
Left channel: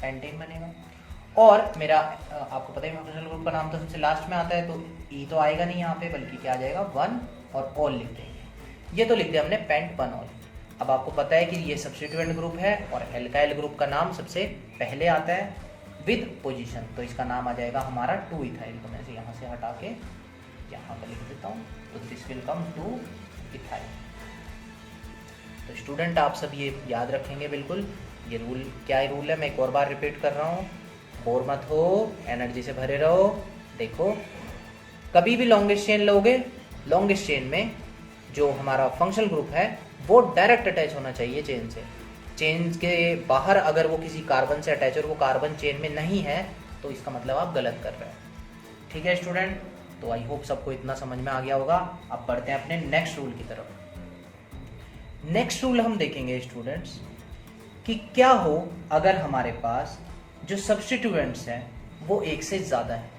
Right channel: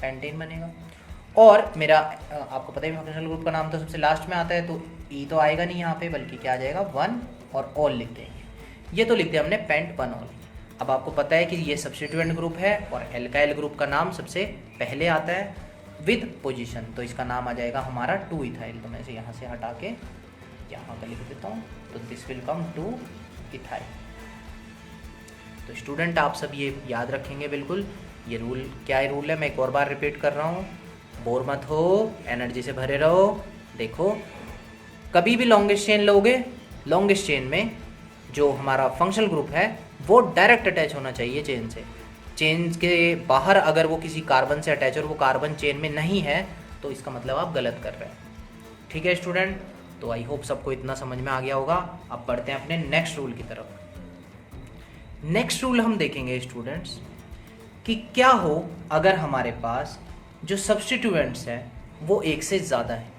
पेंटेन बनेगा। और मेरा आपको पता ही फंक्शनल ग्रुप का नाम तो सबसे लास्ट में आता है, तो ई तो आएगा नहीं यहाँ पे, बल्कि क्या आ जाएगा 1 और ऑल लिख देंगे। ये तो लिख दिया हमने पेंट 1 ऑल। अब आपको पता है कि ये सब्स्टिट्यूएंट ग्रुप है और एल्काइल ग्रुप का नाम सबसे पहले आता है विद पोजीशन, तो इसका नाम आ जाएगा हमारा 2 इथाइल। तो मैं इसे यहाँ से हटा के यहाँ पर लिख देता हूँ, तो दिस विल कम 2 इथाइल। तो स्टूडेंट आप सब ये याद रखेंगे बिल्कुल। ये रूल क्या है, रूल है, मैं एक और बार रिपीट कर रहा हूँ, बोर मत हो, एनर्जी से भरे रहो। देखो कभी भी लॉन्गेस्ट चेन लोगे, लॉन्गेस्ट चेन में जो हमारा फंक्शनल ग्रुप है वो डायरेक्ट अटैच होना चाहिए चेन से। चेन के बाहर अगर वो किसी कार्बन से अटैच और वो कार्बन चेन में नहीं है तो इसका मतलब आप गलत कर रहे हैं, ठीक है स्टूडेंट। तो आई होप सबको इतना समझ में आ गया होगा। अब बढ़ते हैं अपने नेक्स्ट रूल की तरफ। नेक्स्ट रूल हम देखेंगे स्टूडेंट्स कि क्या हो अगर हमारे पास जो सब्स्टिट्यूएंट्स हैं वो एक से ज़्यादा है।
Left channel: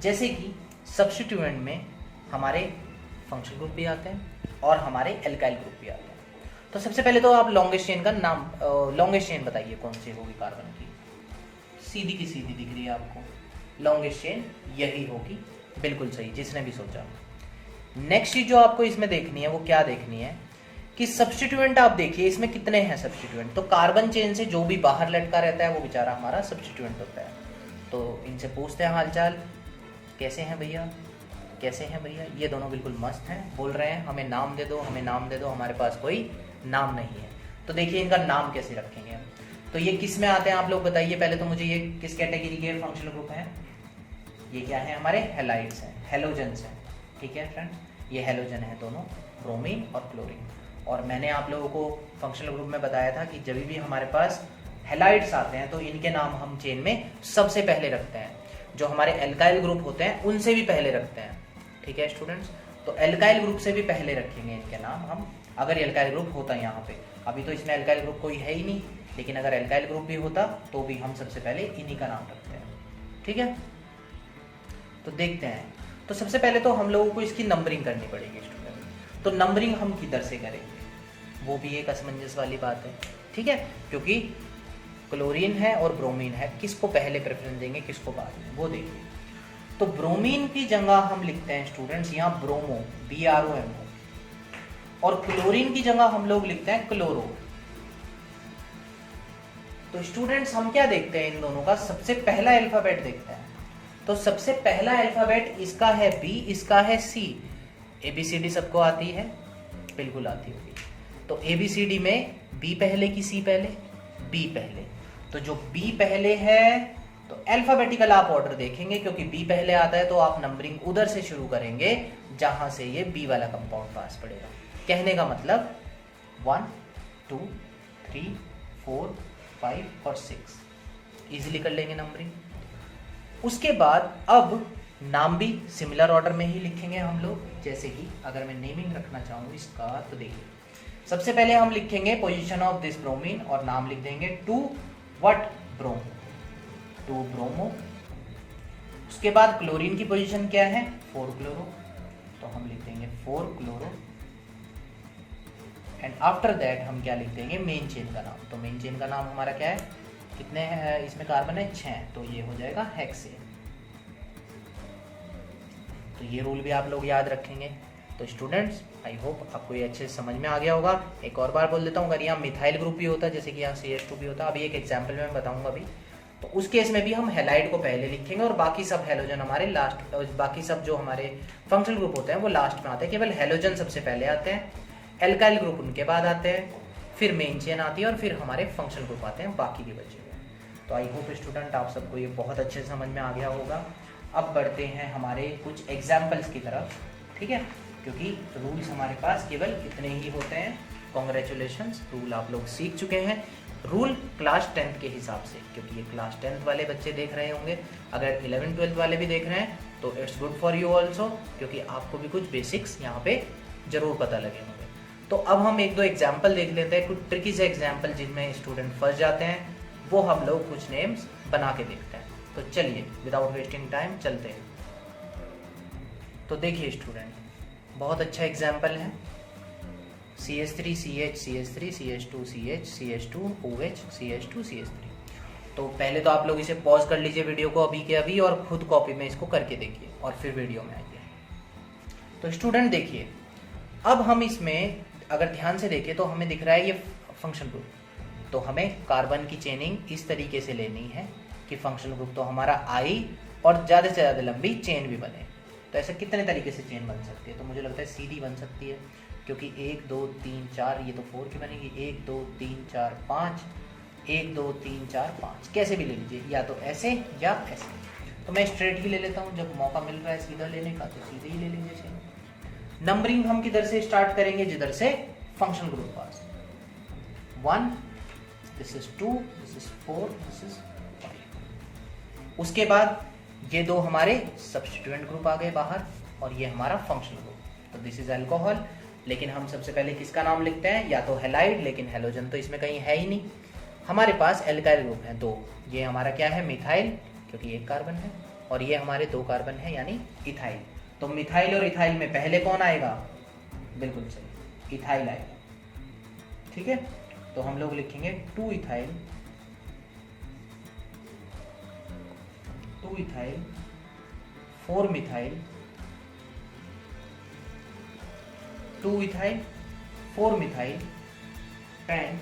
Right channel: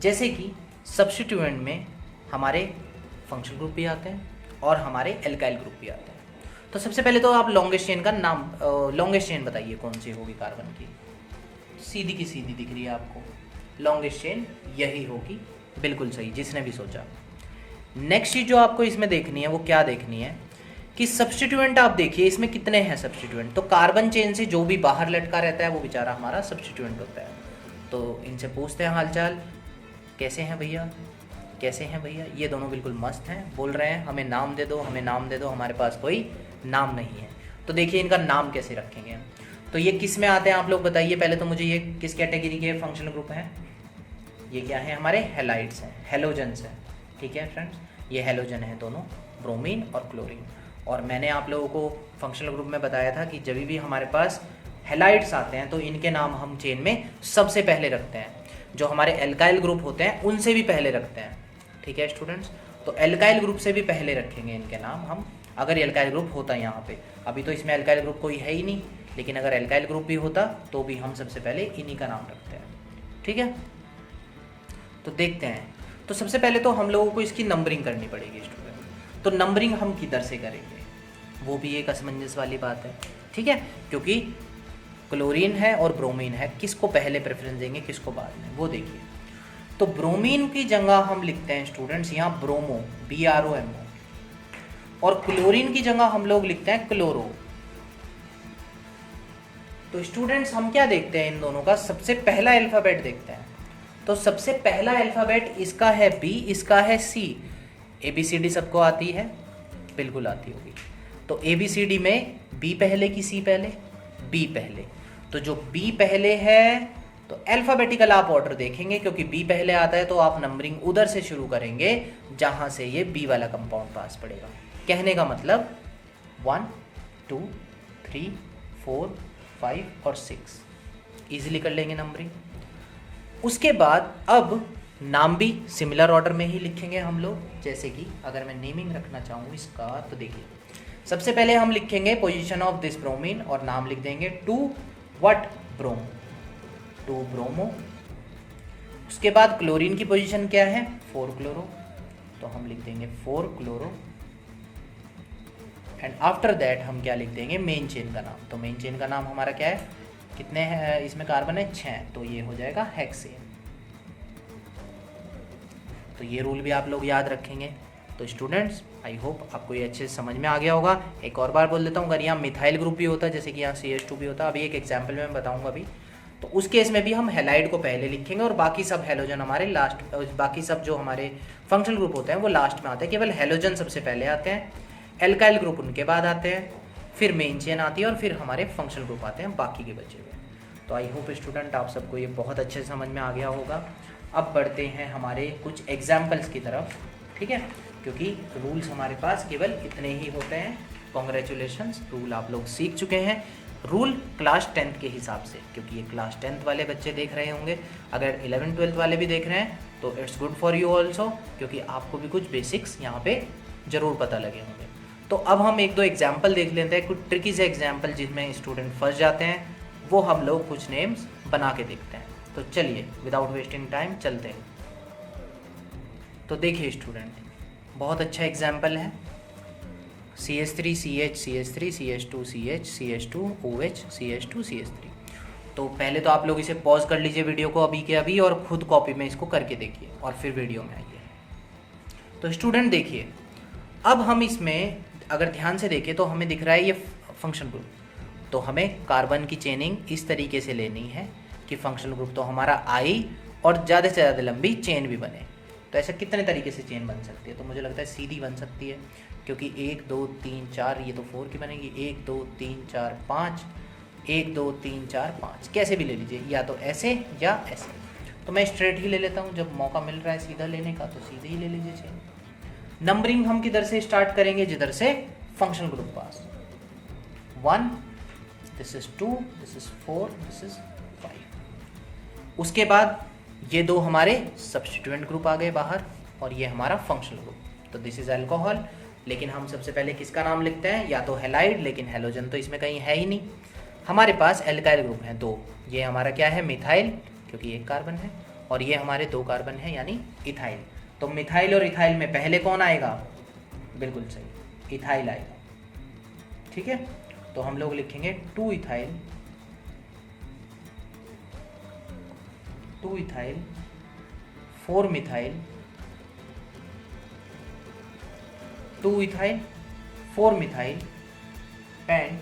जैसे कि सब्स्टिट्यूएंट में हमारे फंक्शनल ग्रुप भी आते हैं और हमारे एल्काइल ग्रुप भी आते हैं। तो सबसे पहले तो आप लॉन्गेस्ट चेन का नाम, लॉन्गेस्ट चेन बताइए कौन सी होगी कार्बन की? सीधी की सीधी दिख रही है आपको, लॉन्गेस्ट चेन यही होगी, बिल्कुल सही, जिसने भी सोचा। नेक्स्ट चीज जो आपको इसमें देखनी है वो क्या देखनी है कि सब्स्टिट्यूएंट आप देखिए इसमें कितने हैं सब्स्टिट्यूएंट। तो कार्बन चेन से जो भी बाहर लटका रहता है वो बेचारा हमारा सब्स्टिट्यूएंट होता है। तो इनसे पूछते हैं हालचाल, कैसे हैं भैया, कैसे हैं भैया? ये दोनों बिल्कुल मस्त हैं, बोल रहे हैं हमें नाम दे दो, हमें नाम दे दो, हमारे पास कोई नाम नहीं है। तो देखिए इनका नाम कैसे रखेंगे। तो ये किस में आते हैं आप लोग बताइए पहले तो मुझे, ये किस कैटेगरी के फंक्शनल ग्रुप है? ये क्या है? हमारे हेलाइड्स हैं, हेलोजन्स हैं, ठीक है फ्रेंड। ये हेलोजन है दोनों, ब्रोमीन और क्लोरीन। और मैंने आप लोगों को फंक्शनल ग्रुप में बताया था कि जब भी हमारे पास हेलाइड्स आते हैं तो इनके नाम हम चेन में सबसे पहले रखते हैं, जो हमारे एल्काइल ग्रुप होते हैं उनसे भी पहले रखते हैं, ठीक है स्टूडेंट्स। तो एल्काइल ग्रुप से भी पहले रखेंगे इनके नाम हम, अगर एल्काइल ग्रुप होता है यहाँ पे। अभी तो इसमें एल्काइल ग्रुप कोई है ही नहीं, लेकिन अगर एल्काइल ग्रुप भी होता तो भी हम सबसे पहले इन्हीं का नाम रखते हैं, ठीक है। तो देखते हैं, तो सबसे पहले तो हम लोगों को इसकी नंबरिंग करनी पड़ेगी स्टूडेंट। तो नंबरिंग हम किधर से करेंगे वो भी एक असमंजस वाली बात है, ठीक है, क्योंकि क्लोरीन है और ब्रोमीन है, किसको पहले प्रेफरेंस देंगे किसको बाद में, वो देखिए। तो ब्रोमीन की जगह हम लिखते हैं स्टूडेंट्स यहाँ ब्रोमो, BROMO, और क्लोरीन की जगह हम लोग लिखते हैं क्लोरो। तो स्टूडेंट्स हम क्या देखते हैं इन दोनों का, सबसे पहला अल्फाबेट देखते हैं। तो सबसे पहला अल्फाबेट इसका है B, इसका है C। ABCD सबको आती है, बिल्कुल आती होगी। तो ABCD में B पहले कि C पहले? B पहले। तो जो B पहले है तो अल्फाबेटिकल आप ऑर्डर देखेंगे, क्योंकि B पहले आता है तो आप नंबरिंग उधर से शुरू करेंगे जहां से ये B वाला कंपाउंड पास पड़ेगा। कहने का मतलब 1 2 3 4 5 और 6 इजीली कर लेंगे नंबरिंग। उसके बाद अब नाम भी सिमिलर ऑर्डर में ही लिखेंगे हम लोग। जैसे कि अगर मैं नेमिंग रखना चाहूँ इसका, तो देखिए सबसे पहले हम लिखेंगे पोजीशन ऑफ दिस ब्रोमीन और नाम लिख देंगे two what bromo, two bromo. उसके बाद क्लोरीन की पोजीशन क्या है 4 क्लोरो, तो हम लिख देंगे 4 क्लोरो। एंड आफ्टर दैट हम क्या लिख देंगे मेन चेन का नाम। तो मेन चेन का नाम हमारा क्या है, कितने हैं इसमें कार्बन है 6, तो ये हो जाएगा हेक्सेन। तो ये रूल भी आप लोग याद रखेंगे। तो स्टूडेंट्स आई होप आपको ये अच्छे से समझ में आ गया होगा। एक और बार बोल देता हूँ, अगर यहाँ मिथाइल ग्रुप भी होता है जैसे कि यहाँ CH2 भी होता है, अभी एक एग्जाम्पल में मैं बताऊंगा अभी, तो उस केस में भी हम हेलाइड को पहले लिखेंगे और बाकी सब हेलोजन हमारे लास्ट, बाकी सब जो हमारे फंक्शनल ग्रुप होते हैं वो लास्ट में आते हैं। केवल हेलोजन सबसे पहले आते हैं, एल्काइल ग्रुप उनके बाद आते हैं, फिर मेन चेन आती है और फिर हमारे फंक्शनल ग्रुप आते हैं बाकी के बच्चे को। तो आई होप स्टूडेंट आप सबको ये बहुत अच्छे से समझ में आ गया होगा। अब बढ़ते हैं हमारे कुछ एग्जाम्पल्स की तरफ, ठीक है, क्योंकि रूल्स हमारे पास केवल इतने ही होते हैं। कॉन्ग्रेचुलेशंस, रूल आप लोग सीख चुके हैं। रूल क्लास 10th के हिसाब से, क्योंकि ये क्लास 10th वाले बच्चे देख रहे होंगे, अगर 11th 12th वाले भी देख रहे हैं तो it's good for you also, क्योंकि आपको भी कुछ बेसिक्स यहाँ पे जरूर पता लगे होंगे। तो अब हम एक दो एग्जाम्पल देख लेते हैं, कुछ ट्रिकी से एग्जाम्पल जिसमें स्टूडेंट फंस जाते हैं, वो हम लोग कुछ नेम्स बना के देखते हैं। तो चलिए विदाउट वेस्टिंग टाइम चलते हैं। तो देखिए स्टूडेंट, बहुत अच्छा एग्जाम्पल है, CH3 CH CH3 CH2 CH CH2 OH CH2 CH3। तो पहले तो आप लोग इसे पॉज कर लीजिए वीडियो को अभी के अभी और खुद कॉपी में इसको करके देखिए और फिर वीडियो में आइए। तो स्टूडेंट देखिए, अब हम इसमें अगर ध्यान से देखें तो हमें दिख रहा है ये फंक्शन ग्रुप। तो हमें कार्बन की चेनिंग इस तरीके से लेनी है कि फंक्शनल ग्रुप तो हमारा आई और ज़्यादा से ज़्यादा लंबी चेन भी बने। तो ऐसा कितने तरीके से चेन बन सकती है, तो मुझे लगता है सीधी बन सकती है, क्योंकि 1 2 3 4 ये तो 4 की बनेगी, 1 2 3 4 5, 1 2 3 4 5, कैसे भी ले लीजिए, या तो ऐसे या ऐसे। तो मैं स्ट्रेट ही ले लेता हूँ, जब मौका मिल रहा है सीधा लेने का तो सीधे ही ले लीजिए। चलो नंबरिंग हम किधर से स्टार्ट करेंगे, जिधर से functional group pass. 1, this is 2, this is 4, this is 5। उसके बाद ये दो हमारे सब्स्टिट्यूएंट ग्रुप आ गए बाहर और ये हमारा फंक्शनल ग्रुप। तो दिस इज अल्कोहल, लेकिन हम सबसे पहले किसका नाम लिखते हैं, या तो हेलाइड, लेकिन हेलोजन तो इसमें कहीं है ही नहीं। हमारे पास एल्काइल ग्रुप है 2, ये हमारा क्या है मिथाइल, क्योंकि 1 कार्बन है, और ये हमारे 2 कार्बन है यानी इथाइल। तो मिथाइल और इथाइल में पहले कौन आएगा, बिल्कुल सही इथाइल आएगा, ठीक है। तो हम लोग लिखेंगे 2 ethyl 4 methyl, 2 ethyl 4 methyl and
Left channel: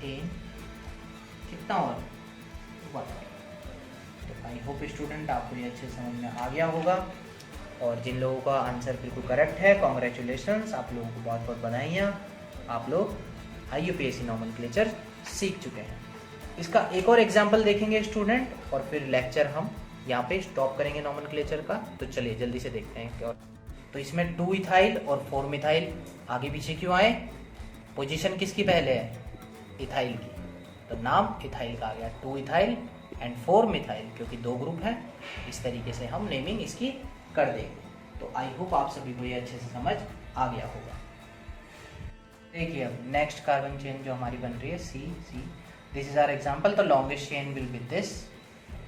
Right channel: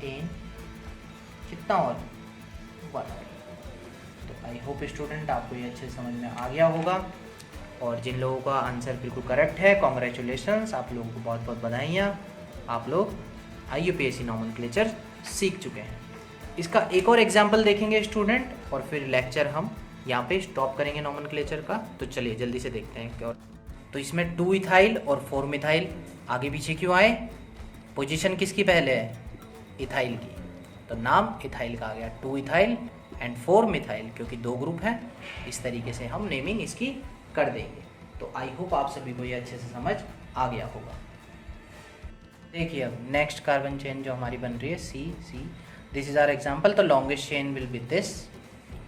10 कितना और 1। तो आई होप स्टूडेंट आपको ये अच्छे समझ में आ गया होगा, और जिन लोगों का आंसर बिल्कुल करेक्ट है कॉन्ग्रेचुलेशंस, आप लोगों को बहुत बहुत बधाइयाँ, आप लोग IUPAC नॉमेनक्लेचर सीख चुके हैं। इसका एक और एग्जाम्पल देखेंगे स्टूडेंट, और फिर लेक्चर हम यहाँ पे स्टॉप करेंगे नॉमेनक्लेचर का। तो चलिए जल्दी से देखते हैं क्या। तो इसमें 2 इथाइल और 4 मिथाइल आगे पीछे क्यों आए, पोजीशन किसकी पहले है, इथाइल की, तो नाम इथाइल का आ गया, 2 इथाइल एंड 4 मिथाइल, क्योंकि 2 ग्रुप हैं। इस तरीके से हम नेमिंग इसकी कर देंगे। तो आई होप आप सभी को ये अच्छे से समझ आ गया होगा। देखिए अब नेक्स्ट कार्बन चेन जो हमारी बन रही है C this is our example. तो longest chain will be this,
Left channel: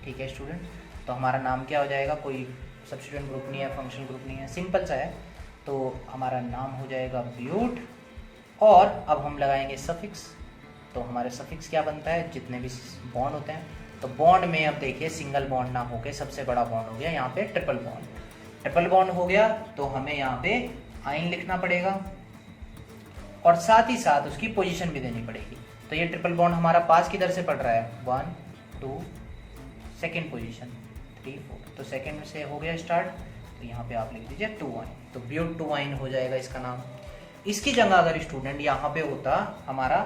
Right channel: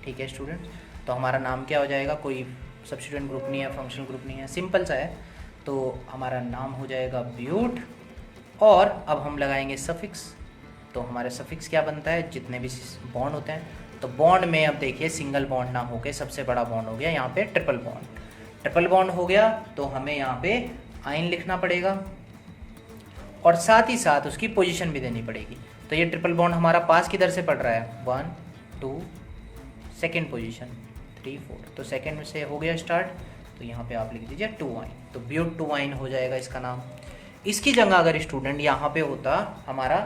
ठीक है स्टूडेंट। तो हमारा नाम क्या हो जाएगा, कोई सब्स्टिट्यूएंट ग्रुप नहीं है, फंक्शनल ग्रुप नहीं है, सिंपल सा है। तो हमारा नाम हो जाएगा ब्यूट, और अब हम लगाएंगे सफिक्स। तो हमारे सफिक्स क्या बनता है, जितने भी बॉन्ड होते हैं तो बॉन्ड में अब देखिए सिंगल बॉन्ड ना होके सबसे बड़ा बॉन्ड हो गया यहाँ पे ट्रिपल बॉन्ड। ट्रिपल बॉन्ड हो गया तो हमें यहाँ पे आइन लिखना पड़ेगा और साथ ही साथ उसकी पोजीशन भी देनी पड़ेगी। तो ये ट्रिपल बॉन्ड हमारा पास किधर से पड़ रहा है, 1 2 सेकेंड पोजीशन 3 4, तो सेकेंड से हो गया स्टार्ट। तो यहाँ पे आप लिख दीजिए 2 आइन, तो ब्यूट 2 आइन हो जाएगा इसका नाम। इसकी जगह अगर स्टूडेंट यहाँ पे होता हमारा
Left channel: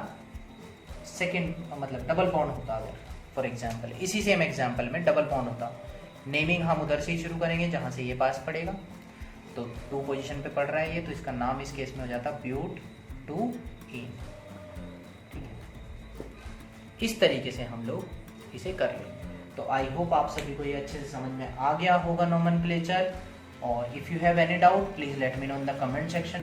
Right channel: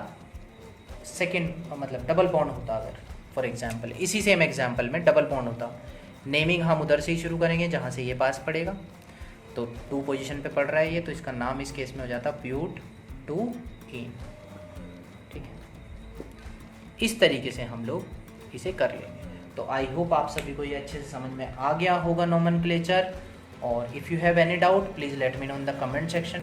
सेकेंड मतलब डबल बॉन्ड होता, अगर फॉर एग्जाम्पल इसी सेम एग्जाम्पल में डबल बॉन्ड होता, नेमिंग हम उधर से ही शुरू करेंगे जहाँ से ये पास पड़ेगा। तो 2 पोजीशन पे पड़ रहा है ये, तो इसका नाम इस केस में हो जाता ब्यूट 2 इन। ठीक है, इस तरीके से हम लोग इसे कर लेंगे। तो आई होप आप सभी को ये अच्छे से समझ में आ गया होगा नोमेनक्लेचर। और if you have any doubt please let me know in the comment section.